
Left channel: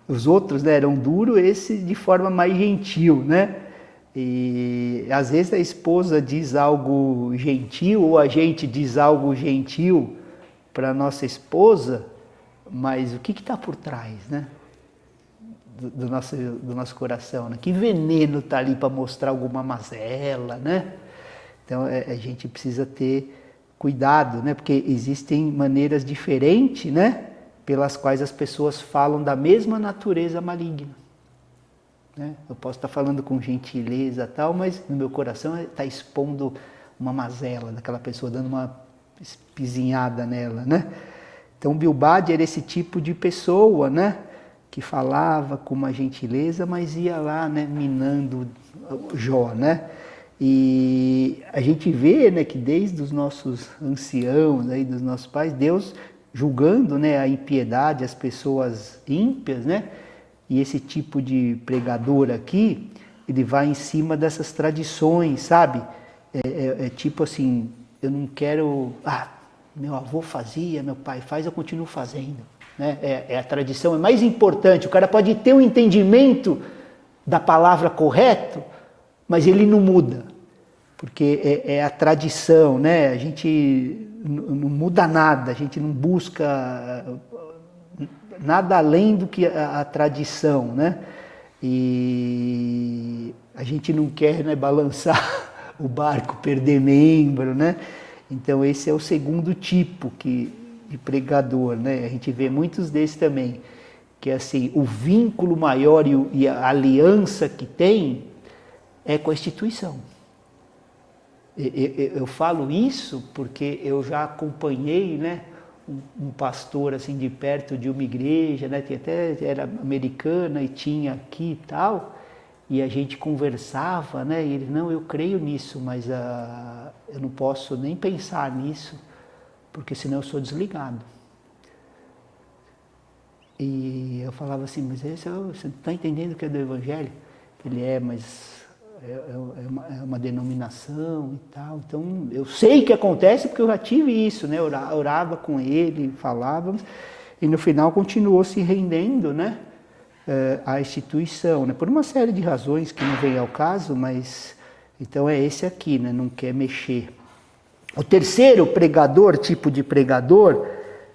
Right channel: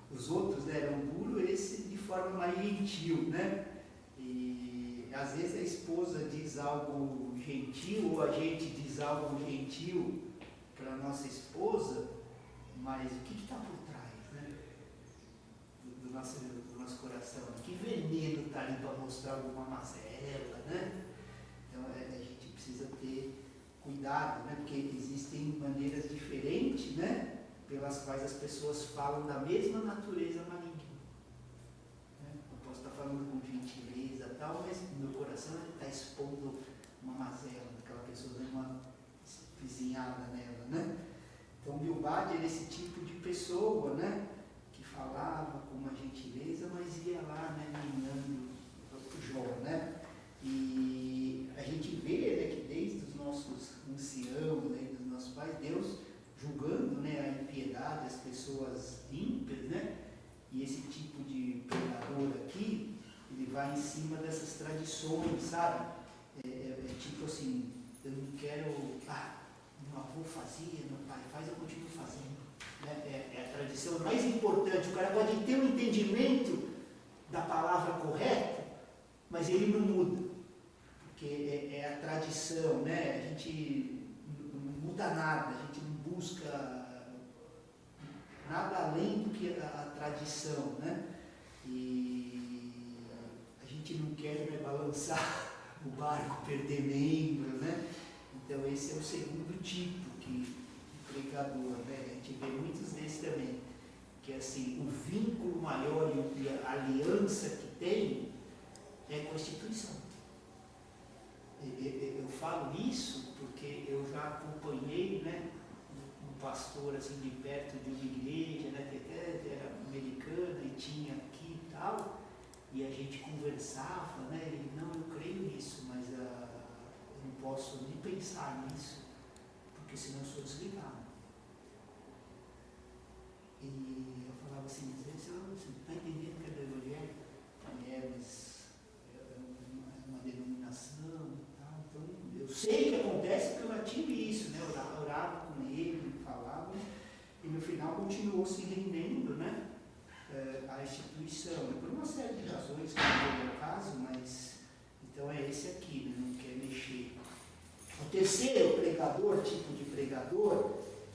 os outros, né, eram duros, esse de forma mais gentil, né? E às vezes a esposa diz algo gentil ou a gente diz algo gentil para nossa esposa, mas o que está por trás, né? Do nosso coração, né? Que veneno está ali para mostrar alguma mazela, né? Então a gente precisa ter cuidado, né? Porque existem maneiras diferentes, né? Pelas quais as pessoas falam da mesma natureza maligna. Né? Eu posso estar falando com gentileza e tal, mas no meu coração está expondo uma mazela daquela pessoa, dando uma espizinhada nela, né? Então Bildade era esse tipo de pessoa, né? Que falava com uma gentileza, mas ia lá, né? Minando Jó, né? E a gente vê, né, que desde os nossos anciãos, aí, dos nossos pais, Deus julgando, né, a impiedade, as pessoas ímpias, né? E esse tipo de pregador aqui, ele vai em cima dessas tradições, sabe? É tipo assim, eu não quero... meu avô fazia, meu pai faz, eu continuo fazendo. Né? A tradição é mais importante. O cara pode ter um entendimento da palavra correto, mas ele não muda, porque é a tradição, né? A gente não muda nada, a gente não busca nada além do que a tradição, né? E a gente não quer, né, balançar o barco, perder membro, né? Então esse é o segundo tipo de pregador, né? A gente vê muitos desses também, que assim, o vínculo maior e a aliança que tem é com a instituição. Eu falo isso porque eu já acompanhei, né, um pastor assim de perto de uma igreja, né, que até era americana e tinha aqui e tal, e a gente conversava, né, e ele, não, eu creio nisso, mas eu não posso nem pensar nisso, porque senão eu sou desligado. E eu falava assim, mas você não está entendendo o que é do Evangelho? Ele mas é uma denominação e tal. Então, eu sei que acontece porque eu já tive isso, né? Eu orava com ele, falávamos, e no final continuou se rendendo, né? À instituição, né? Por uma série de razões que não vem ao caso, mas então é esse aqui, né? Não quer mexer. O terceiro pregador, tipo de pregador,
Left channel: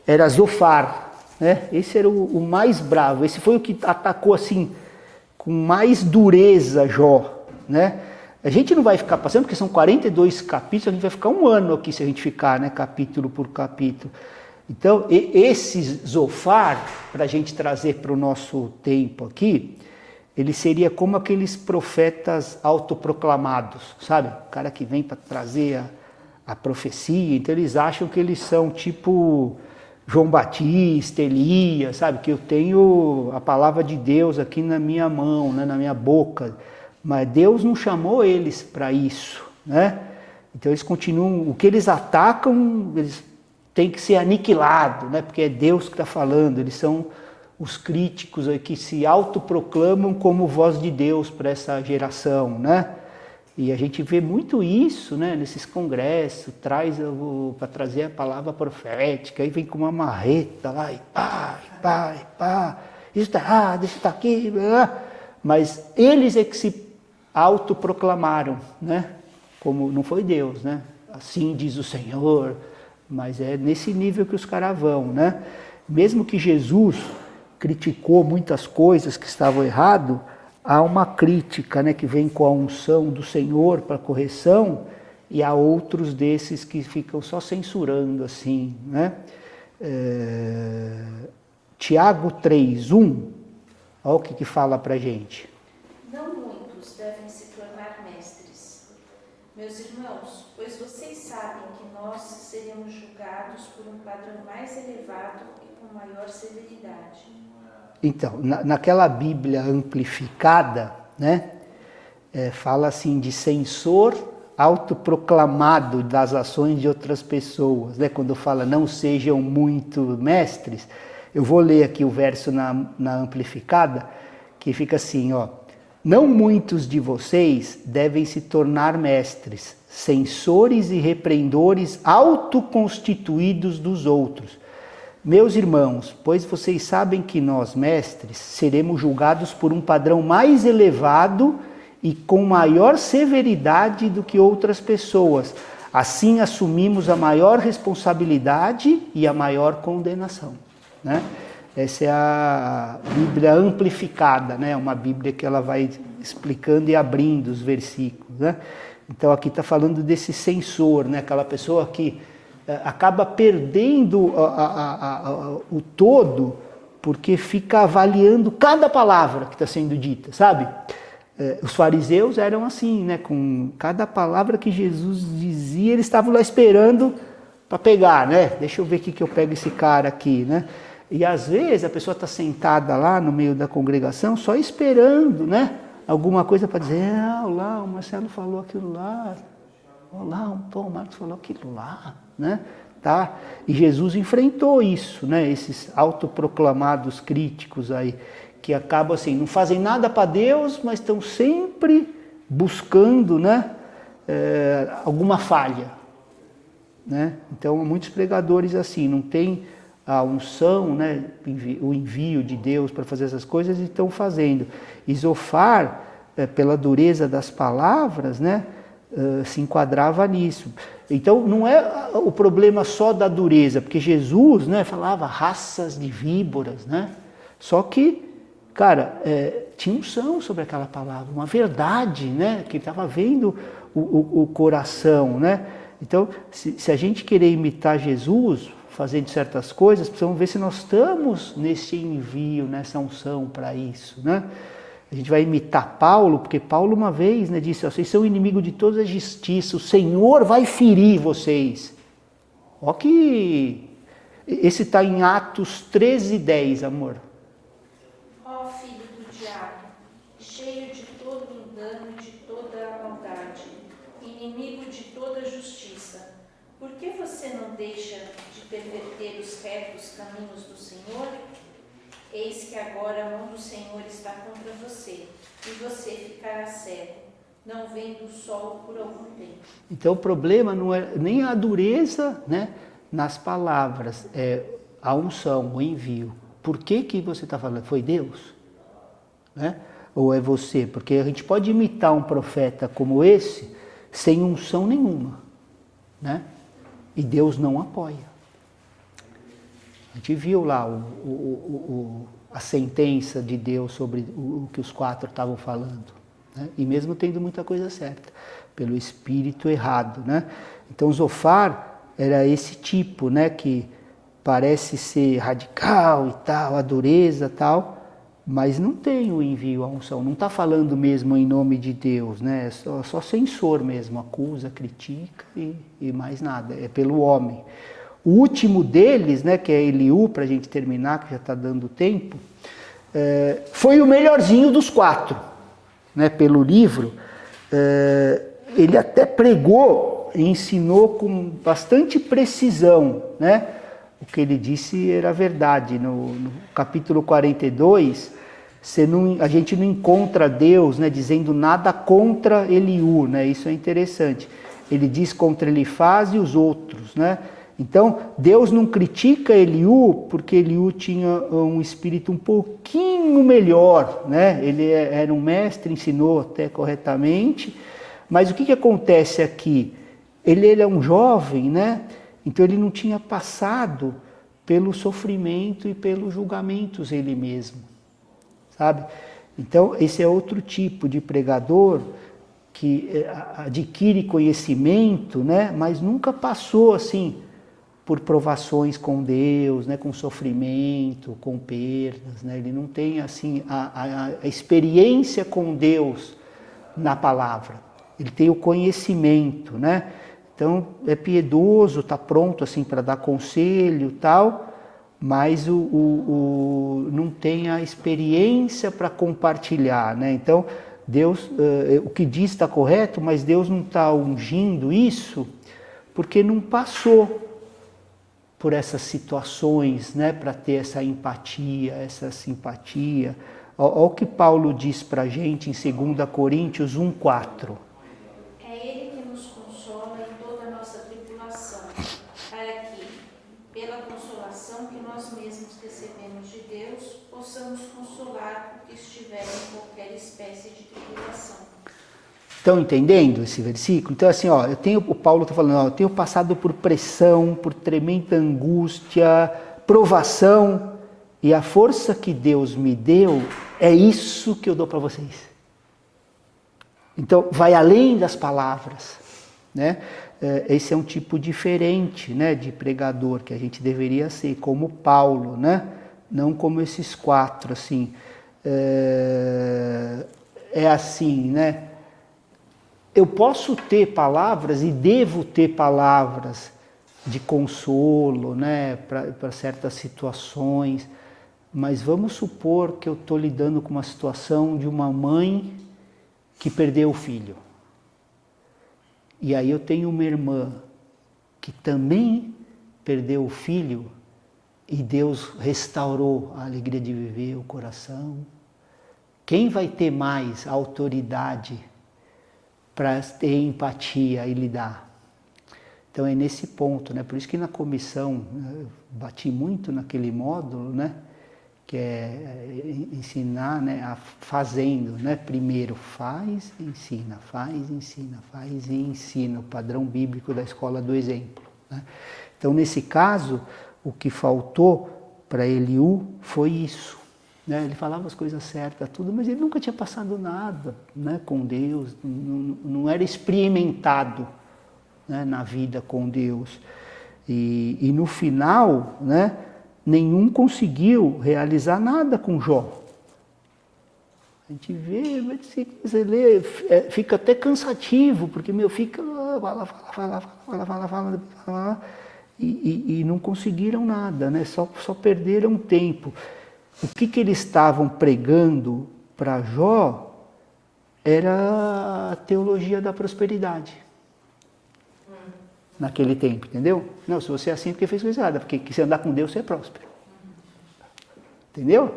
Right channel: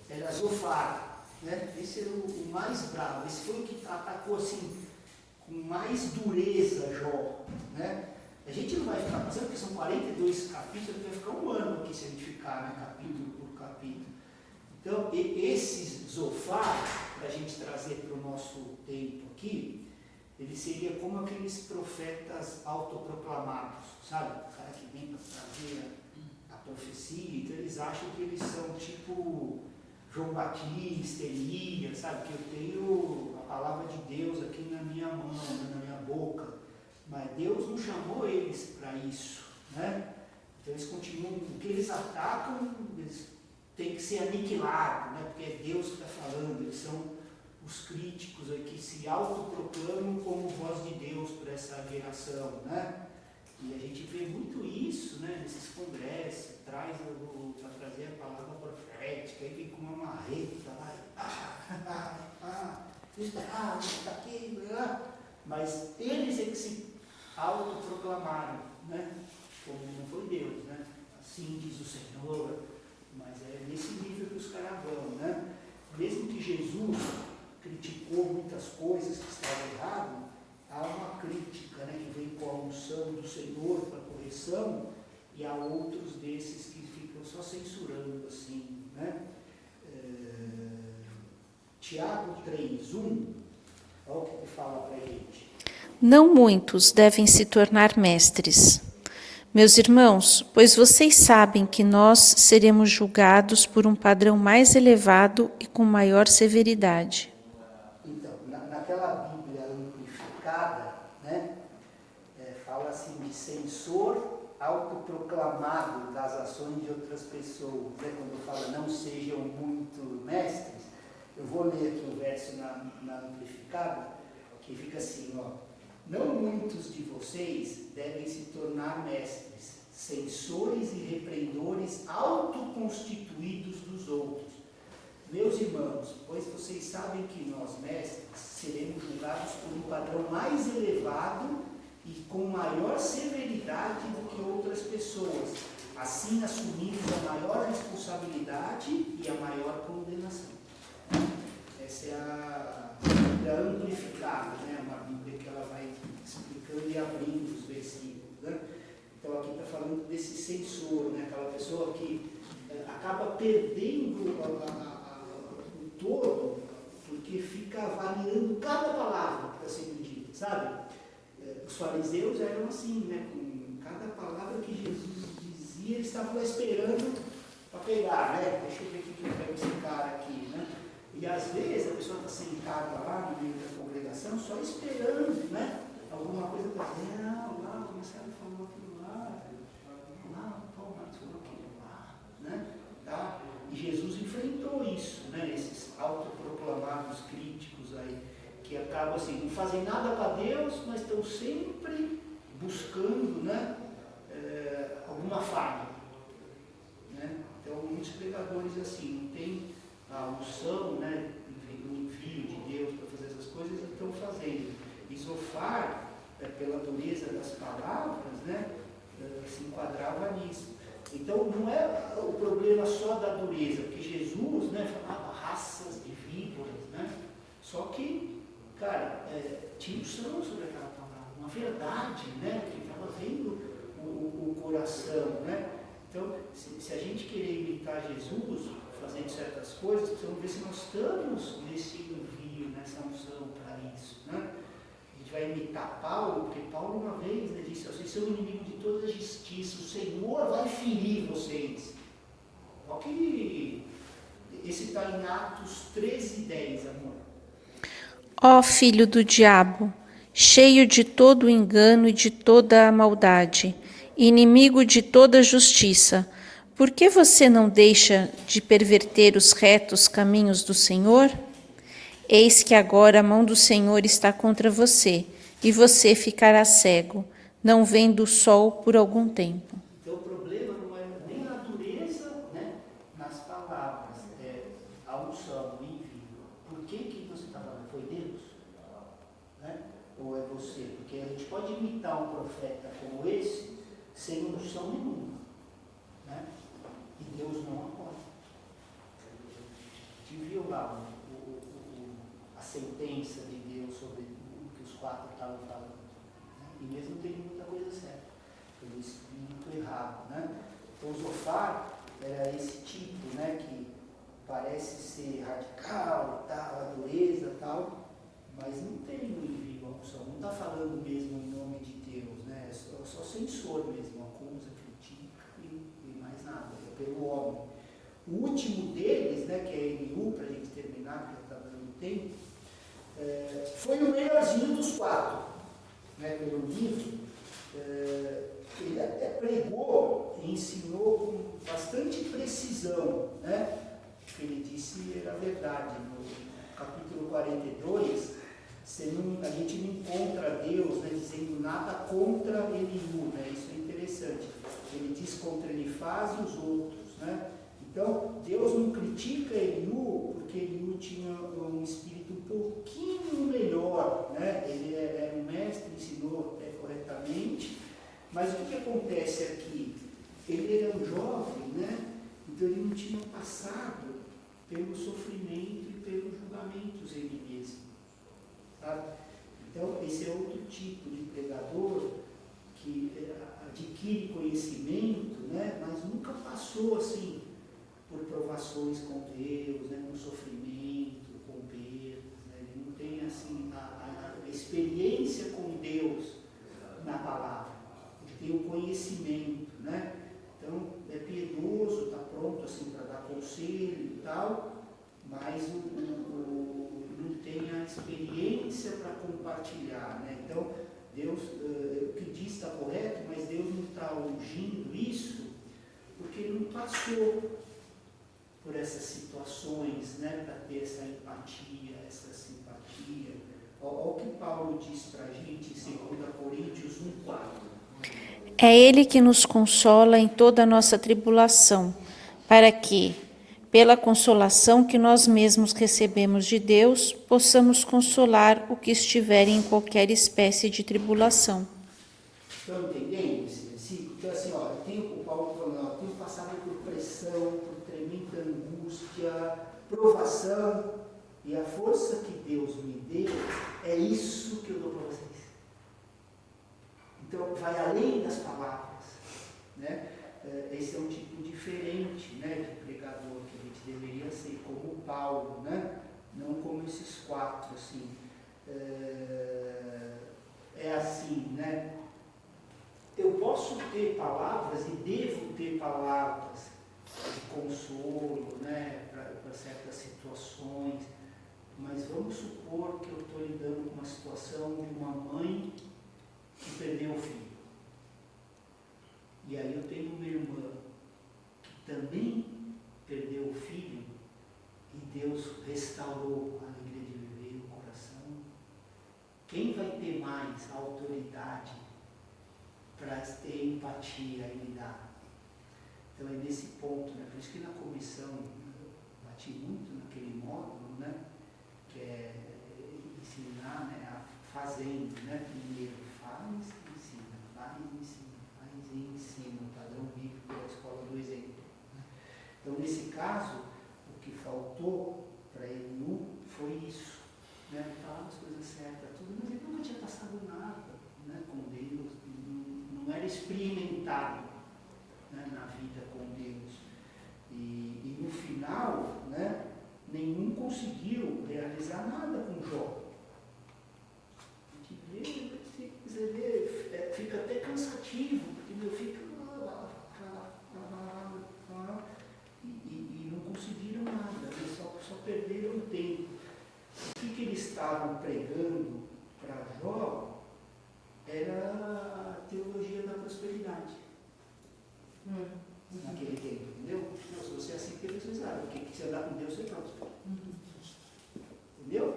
era Zofar. Né? Esse era o mais bravo, esse foi o que atacou assim com mais dureza Jó, né? A gente não vai ficar passando, porque são 42 capítulos, a gente vai ficar um ano aqui se a gente ficar, né, capítulo por capítulo. Então, esse Zofar, para a gente trazer para o nosso tempo aqui, ele seria como aqueles profetas autoproclamados, sabe? O cara que vem para trazer a profecia, então eles acham que eles são tipo João Batista, Elias, sabe? Que eu tenho a palavra de Deus aqui na minha mão, né? Na minha boca. Mas Deus não chamou eles para isso, né? Então eles continuam, o que eles atacam, eles têm que ser aniquilados, né? Porque é Deus que está falando, eles são os críticos aí que se autoproclamam como voz de Deus para essa geração, né? E a gente vê muito isso, né, nesses congressos, para trazer a palavra profética, aí vem com uma marreta lá e pá, isso está errado, isso está aqui, mas eles é que se autoproclamaram, né, como não foi Deus, né, assim diz o Senhor, mas é nesse nível que os caras vão, né, mesmo que Jesus criticou muitas coisas que estavam erradas, há uma crítica, né, que vem com a unção do Senhor para correção, e há outros desses que ficam só censurando assim, né? Tiago 3:1 Olha o que fala para a gente. Não muitos devem se tornar mestres. Meus irmãos, pois vocês sabem que nós seremos julgados por um padrão mais elevado e com maior severidade. Então, naquela Bíblia amplificada, né, fala assim de censor autoproclamado das ações de outras pessoas, né? Quando fala não sejam muito mestres, eu vou ler aqui o verso na amplificada, que fica assim, ó: não muitos de vocês devem se tornar mestres, censores e repreendores autoconstituídos dos outros. Meus irmãos, pois vocês sabem que nós, mestres, seremos julgados por um padrão mais elevado e com maior severidade do que outras pessoas. Assim assumimos a maior responsabilidade e a maior condenação, né? Essa é a Bíblia amplificada, né? Uma Bíblia que ela vai explicando e abrindo os versículos, né? Então aqui está falando desse censor, né? Aquela pessoa que acaba perdendo o todo porque fica avaliando cada palavra que está sendo dita, sabe? Os fariseus eram assim, né? Com cada palavra que Jesus dizia, eles estavam lá esperando para pegar, né? Deixa eu ver o que eu pego esse cara aqui, né? E às vezes a pessoa está sentada lá no meio da congregação só esperando, né? Alguma coisa para dizer, lá o Marcelo falou aquilo lá, lá o Marcos falou aquilo lá, né? Tá? E Jesus enfrentou isso, né? Esses autoproclamados críticos aí, que acabam assim, não fazem nada para Deus, mas estão sempre buscando, né? Alguma falha, né? Então, muitos pregadores assim, não tem a unção, né? O envio de Deus para fazer essas coisas, e estão fazendo. E Zofar, pela dureza das palavras, né? Se enquadrava nisso. Então, não é o problema só da dureza, porque Jesus, né, falava raças de víboras, né? Só que, cara, tinha unção sobre aquela palavra, uma verdade, né? Que estava vendo o coração, né? Então, se a gente querer imitar Jesus, fazendo certas coisas, precisamos ver se nós estamos nesse envio, nessa unção para isso, né? A gente vai imitar Paulo, porque Paulo uma vez, né, disse, vocês são inimigos de toda a justiça, o Senhor vai ferir vocês. Ó que esse está em Atos 13:10, amor. Ó filho do diabo, cheio de todo o engano e de toda a maldade, inimigo de toda a justiça, por que você não deixa de perverter os retos caminhos do Senhor? Eis que agora a mão do Senhor está contra você, e você ficará cego, não vendo o sol por algum tempo. Então o problema não é nem a dureza, né, nas palavras, é a unção, o envio. Por que você está falando? Foi Deus? Né? Ou é você? Porque a gente pode imitar um profeta como esse sem unção nenhuma, né? E Deus não apoia. A gente viu lá a sentença de Deus sobre o que os 4 estavam falando, né? E mesmo tendo muita coisa certa, pelo espírito errado, né? Então Zofar era esse tipo, né, que parece ser radical e tal, a dureza e tal, mas não tem o envio, a unção, não está falando mesmo em nome de Deus, né? É só censor mesmo, acusa, critica e mais nada, é pelo homem. O último deles, né, que é Eliú, para a gente terminar, que já está dando tempo, foi o melhorzinho dos 4, né, pelo livro. Ele até pregou e ensinou com bastante precisão, né? O que ele disse era verdade. No capítulo 42, a gente não encontra Deus, né, dizendo nada contra Eliú, né? Isso é interessante. Ele diz contra Elifaz e os outros, né? Então, Deus não critica Eliú porque Eliú tinha um espírito um pouquinho melhor, né? Ele era um mestre, ensinou até corretamente, mas o que acontece aqui? Ele é um jovem, né? Então ele não tinha passado pelo sofrimento e pelos julgamentos ele mesmo, sabe? Então, esse é outro tipo de pregador que adquire conhecimento, né? Mas nunca passou assim por provações com Deus, né, com sofrimento, com perdas, né? Ele não tem assim a experiência com Deus na palavra. Ele tem o conhecimento, né? Então é piedoso, está pronto assim para dar conselho, tal, mas não tem a experiência para compartilhar, né? Então Deus, o que diz está correto, mas Deus não está ungindo isso porque não passou por essas situações, né, para ter essa empatia, essa simpatia. Olha o que Paulo diz para a gente em 2 Coríntios 1,4. É Ele que nos consola em toda a nossa tribulação, para que, pela consolação que nós mesmos recebemos de Deus, possamos consolar o que estiver em qualquer espécie de tribulação. Estão entendendo esse versículo? Então assim, ó, o Paulo está falando, ó, eu tenho passado por pressão, por tremenda angústia, provação, e a força que Deus me deu é isso que eu dou para vocês. Então, vai além das palavras, né? Esse é um tipo diferente, né, de pregador que a gente deveria ser, como Paulo, né? Não como esses 4, assim. É assim, né? Eu posso ter palavras e devo ter palavras de consolo, né, para certas situações, mas vamos supor que eu estou lidando com uma situação de uma mãe que perdeu o filho. E aí eu tenho uma irmã que também perdeu o filho e Deus restaurou a alegria de viver, o coração. Quem vai ter mais autoridade para ter empatia e lidar? Então é nesse ponto, né? Por isso que na comissão, eu bati muito naquele módulo, né? Que é ensinar, né, fazendo, né? Primeiro faz, ensina, e ensina, o padrão bíblico da escola do exemplo, né? Então nesse caso, o que faltou para Eliú foi isso, né? Ele falava as coisas certas, tudo, mas ele nunca tinha passado nada, né, com Deus, não era experimentado, né, na vida com Deus. E no final, né, nenhum conseguiu realizar nada com Jó. A gente vê, você lê, fica até cansativo, porque fica fala, e não conseguiram nada, né? Só perderam tempo. O que eles estavam pregando para Jó era a teologia da prosperidade. Naquele tempo, entendeu? Não, se você é assim, porque fez coisa errada, porque se andar com Deus, você é próspero. Entendeu?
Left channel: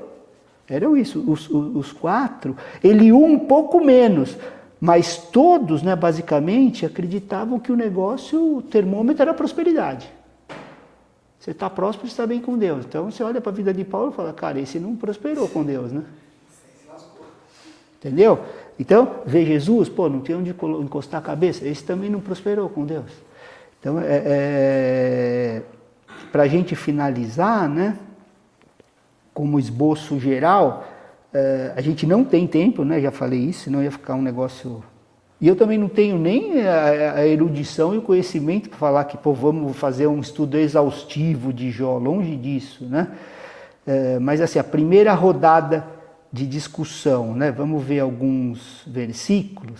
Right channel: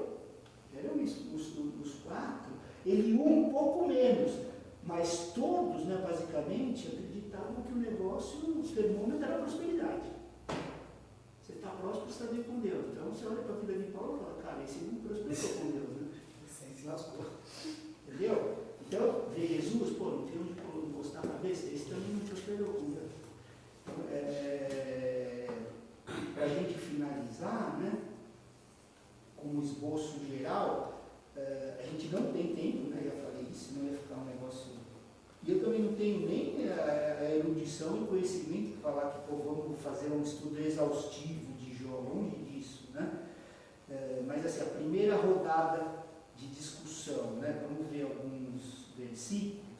Eram isso, os 4, Eliú um pouco menos, mas todos, né, basicamente, acreditavam que o negócio, o termômetro era a prosperidade. Você está próspero, você está bem com Deus. Então você olha para a vida de Paulo e fala, cara, esse não prosperou com Deus, né? Entendeu? Então, vê Jesus, pô, não tem onde encostar a cabeça, esse também não prosperou com Deus. Então, para a gente finalizar, né, como esboço geral, a gente não tem tempo, né, já falei isso, senão ia ficar um negócio... E eu também não tenho nem a erudição e o conhecimento para falar que, pô, vamos fazer um estudo exaustivo de Jó, longe disso, né? Mas assim, a primeira rodada de discussão, né, vamos ver alguns versículos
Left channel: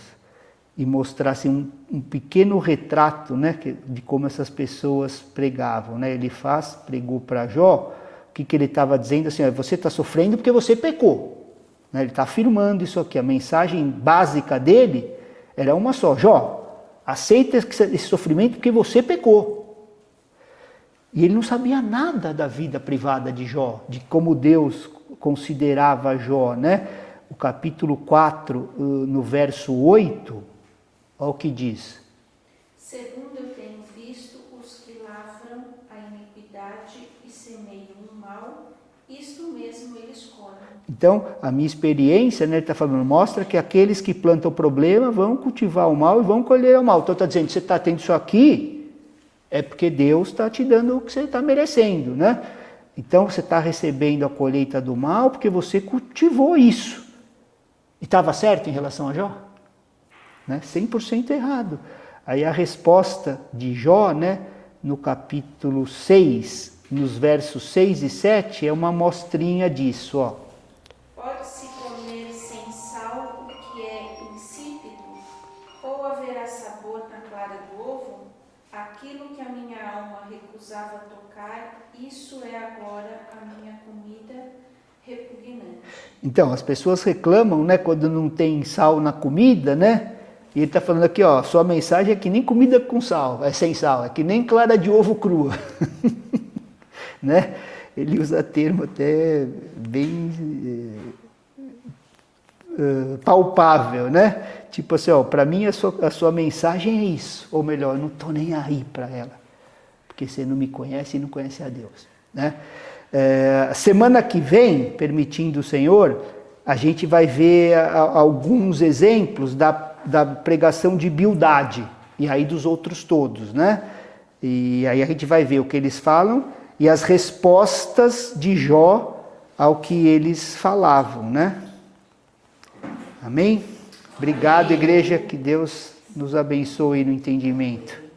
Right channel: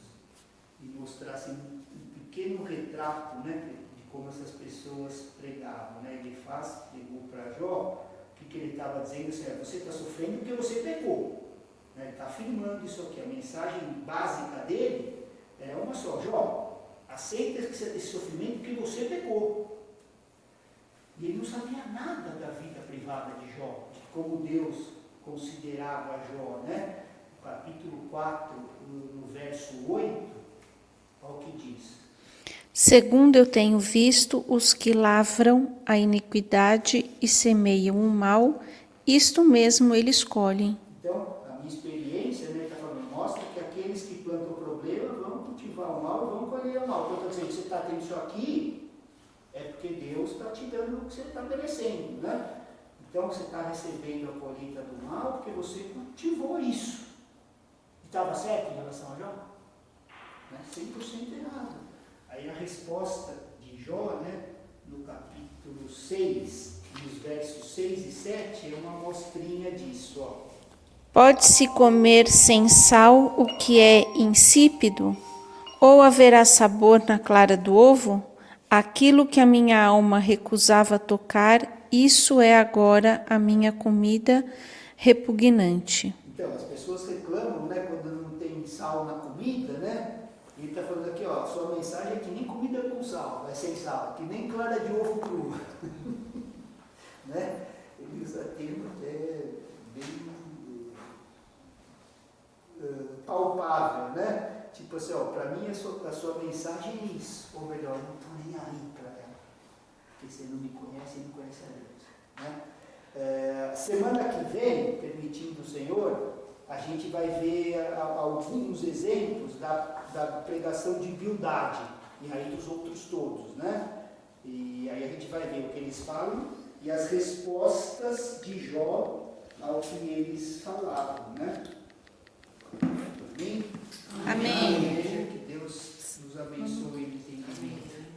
e mostrar assim, um pequeno retrato, né, de como essas pessoas pregavam, né? Pregou para Jó, o que ele estava dizendo assim, você está sofrendo porque você pecou, né? Ele está afirmando isso aqui, a mensagem básica dele era uma só, Jó, aceita esse sofrimento porque você pecou. E ele não sabia nada da vida privada de Jó, de como Deus considerava Jó, né? O capítulo 4, no verso 8, olha o que diz. Segundo eu tenho visto os que lavram a iniquidade e semeiam o mal, isto mesmo eles colhem. Então, a minha experiência, né, ele está falando, mostra que aqueles que plantam o problema vão cultivar o mal e vão colher o mal. Então está dizendo, você está tendo isso aqui, é porque Deus está te dando o que você está merecendo, né? Então você está recebendo a colheita do mal porque você cultivou isso. E estava certo em relação a Jó? Né? 100% errado. Aí a resposta de Jó, né, no capítulo 6, nos versos 6 e 7, é uma amostrinha disso, ó. Pode-se comer sem sal o que é insípido? Ou haverá sabor na clara do ovo? Aquilo que a minha alma recusava tocar, isso é agora a minha comida repugnante. Então, as pessoas reclamam, né, quando não tem sal na comida, né? E ele está falando aqui, ó, sua mensagem é que nem comida com sal, é sem sal, é que nem clara de ovo crua, né? Ele usa termo até bem palpável, né? Tipo assim, ó, para mim a sua mensagem é isso, ou melhor, eu não estou nem aí para ela, porque você não me conhece e não conhece a Deus, né? Semana que vem, permitindo o Senhor, a gente vai ver alguns exemplos da pregação de Bildade, e aí dos outros todos, né? E aí a gente vai ver o que eles falam e as respostas de Jó ao que eles falavam, né? Amém? Obrigado, igreja, que Deus nos abençoe no entendimento.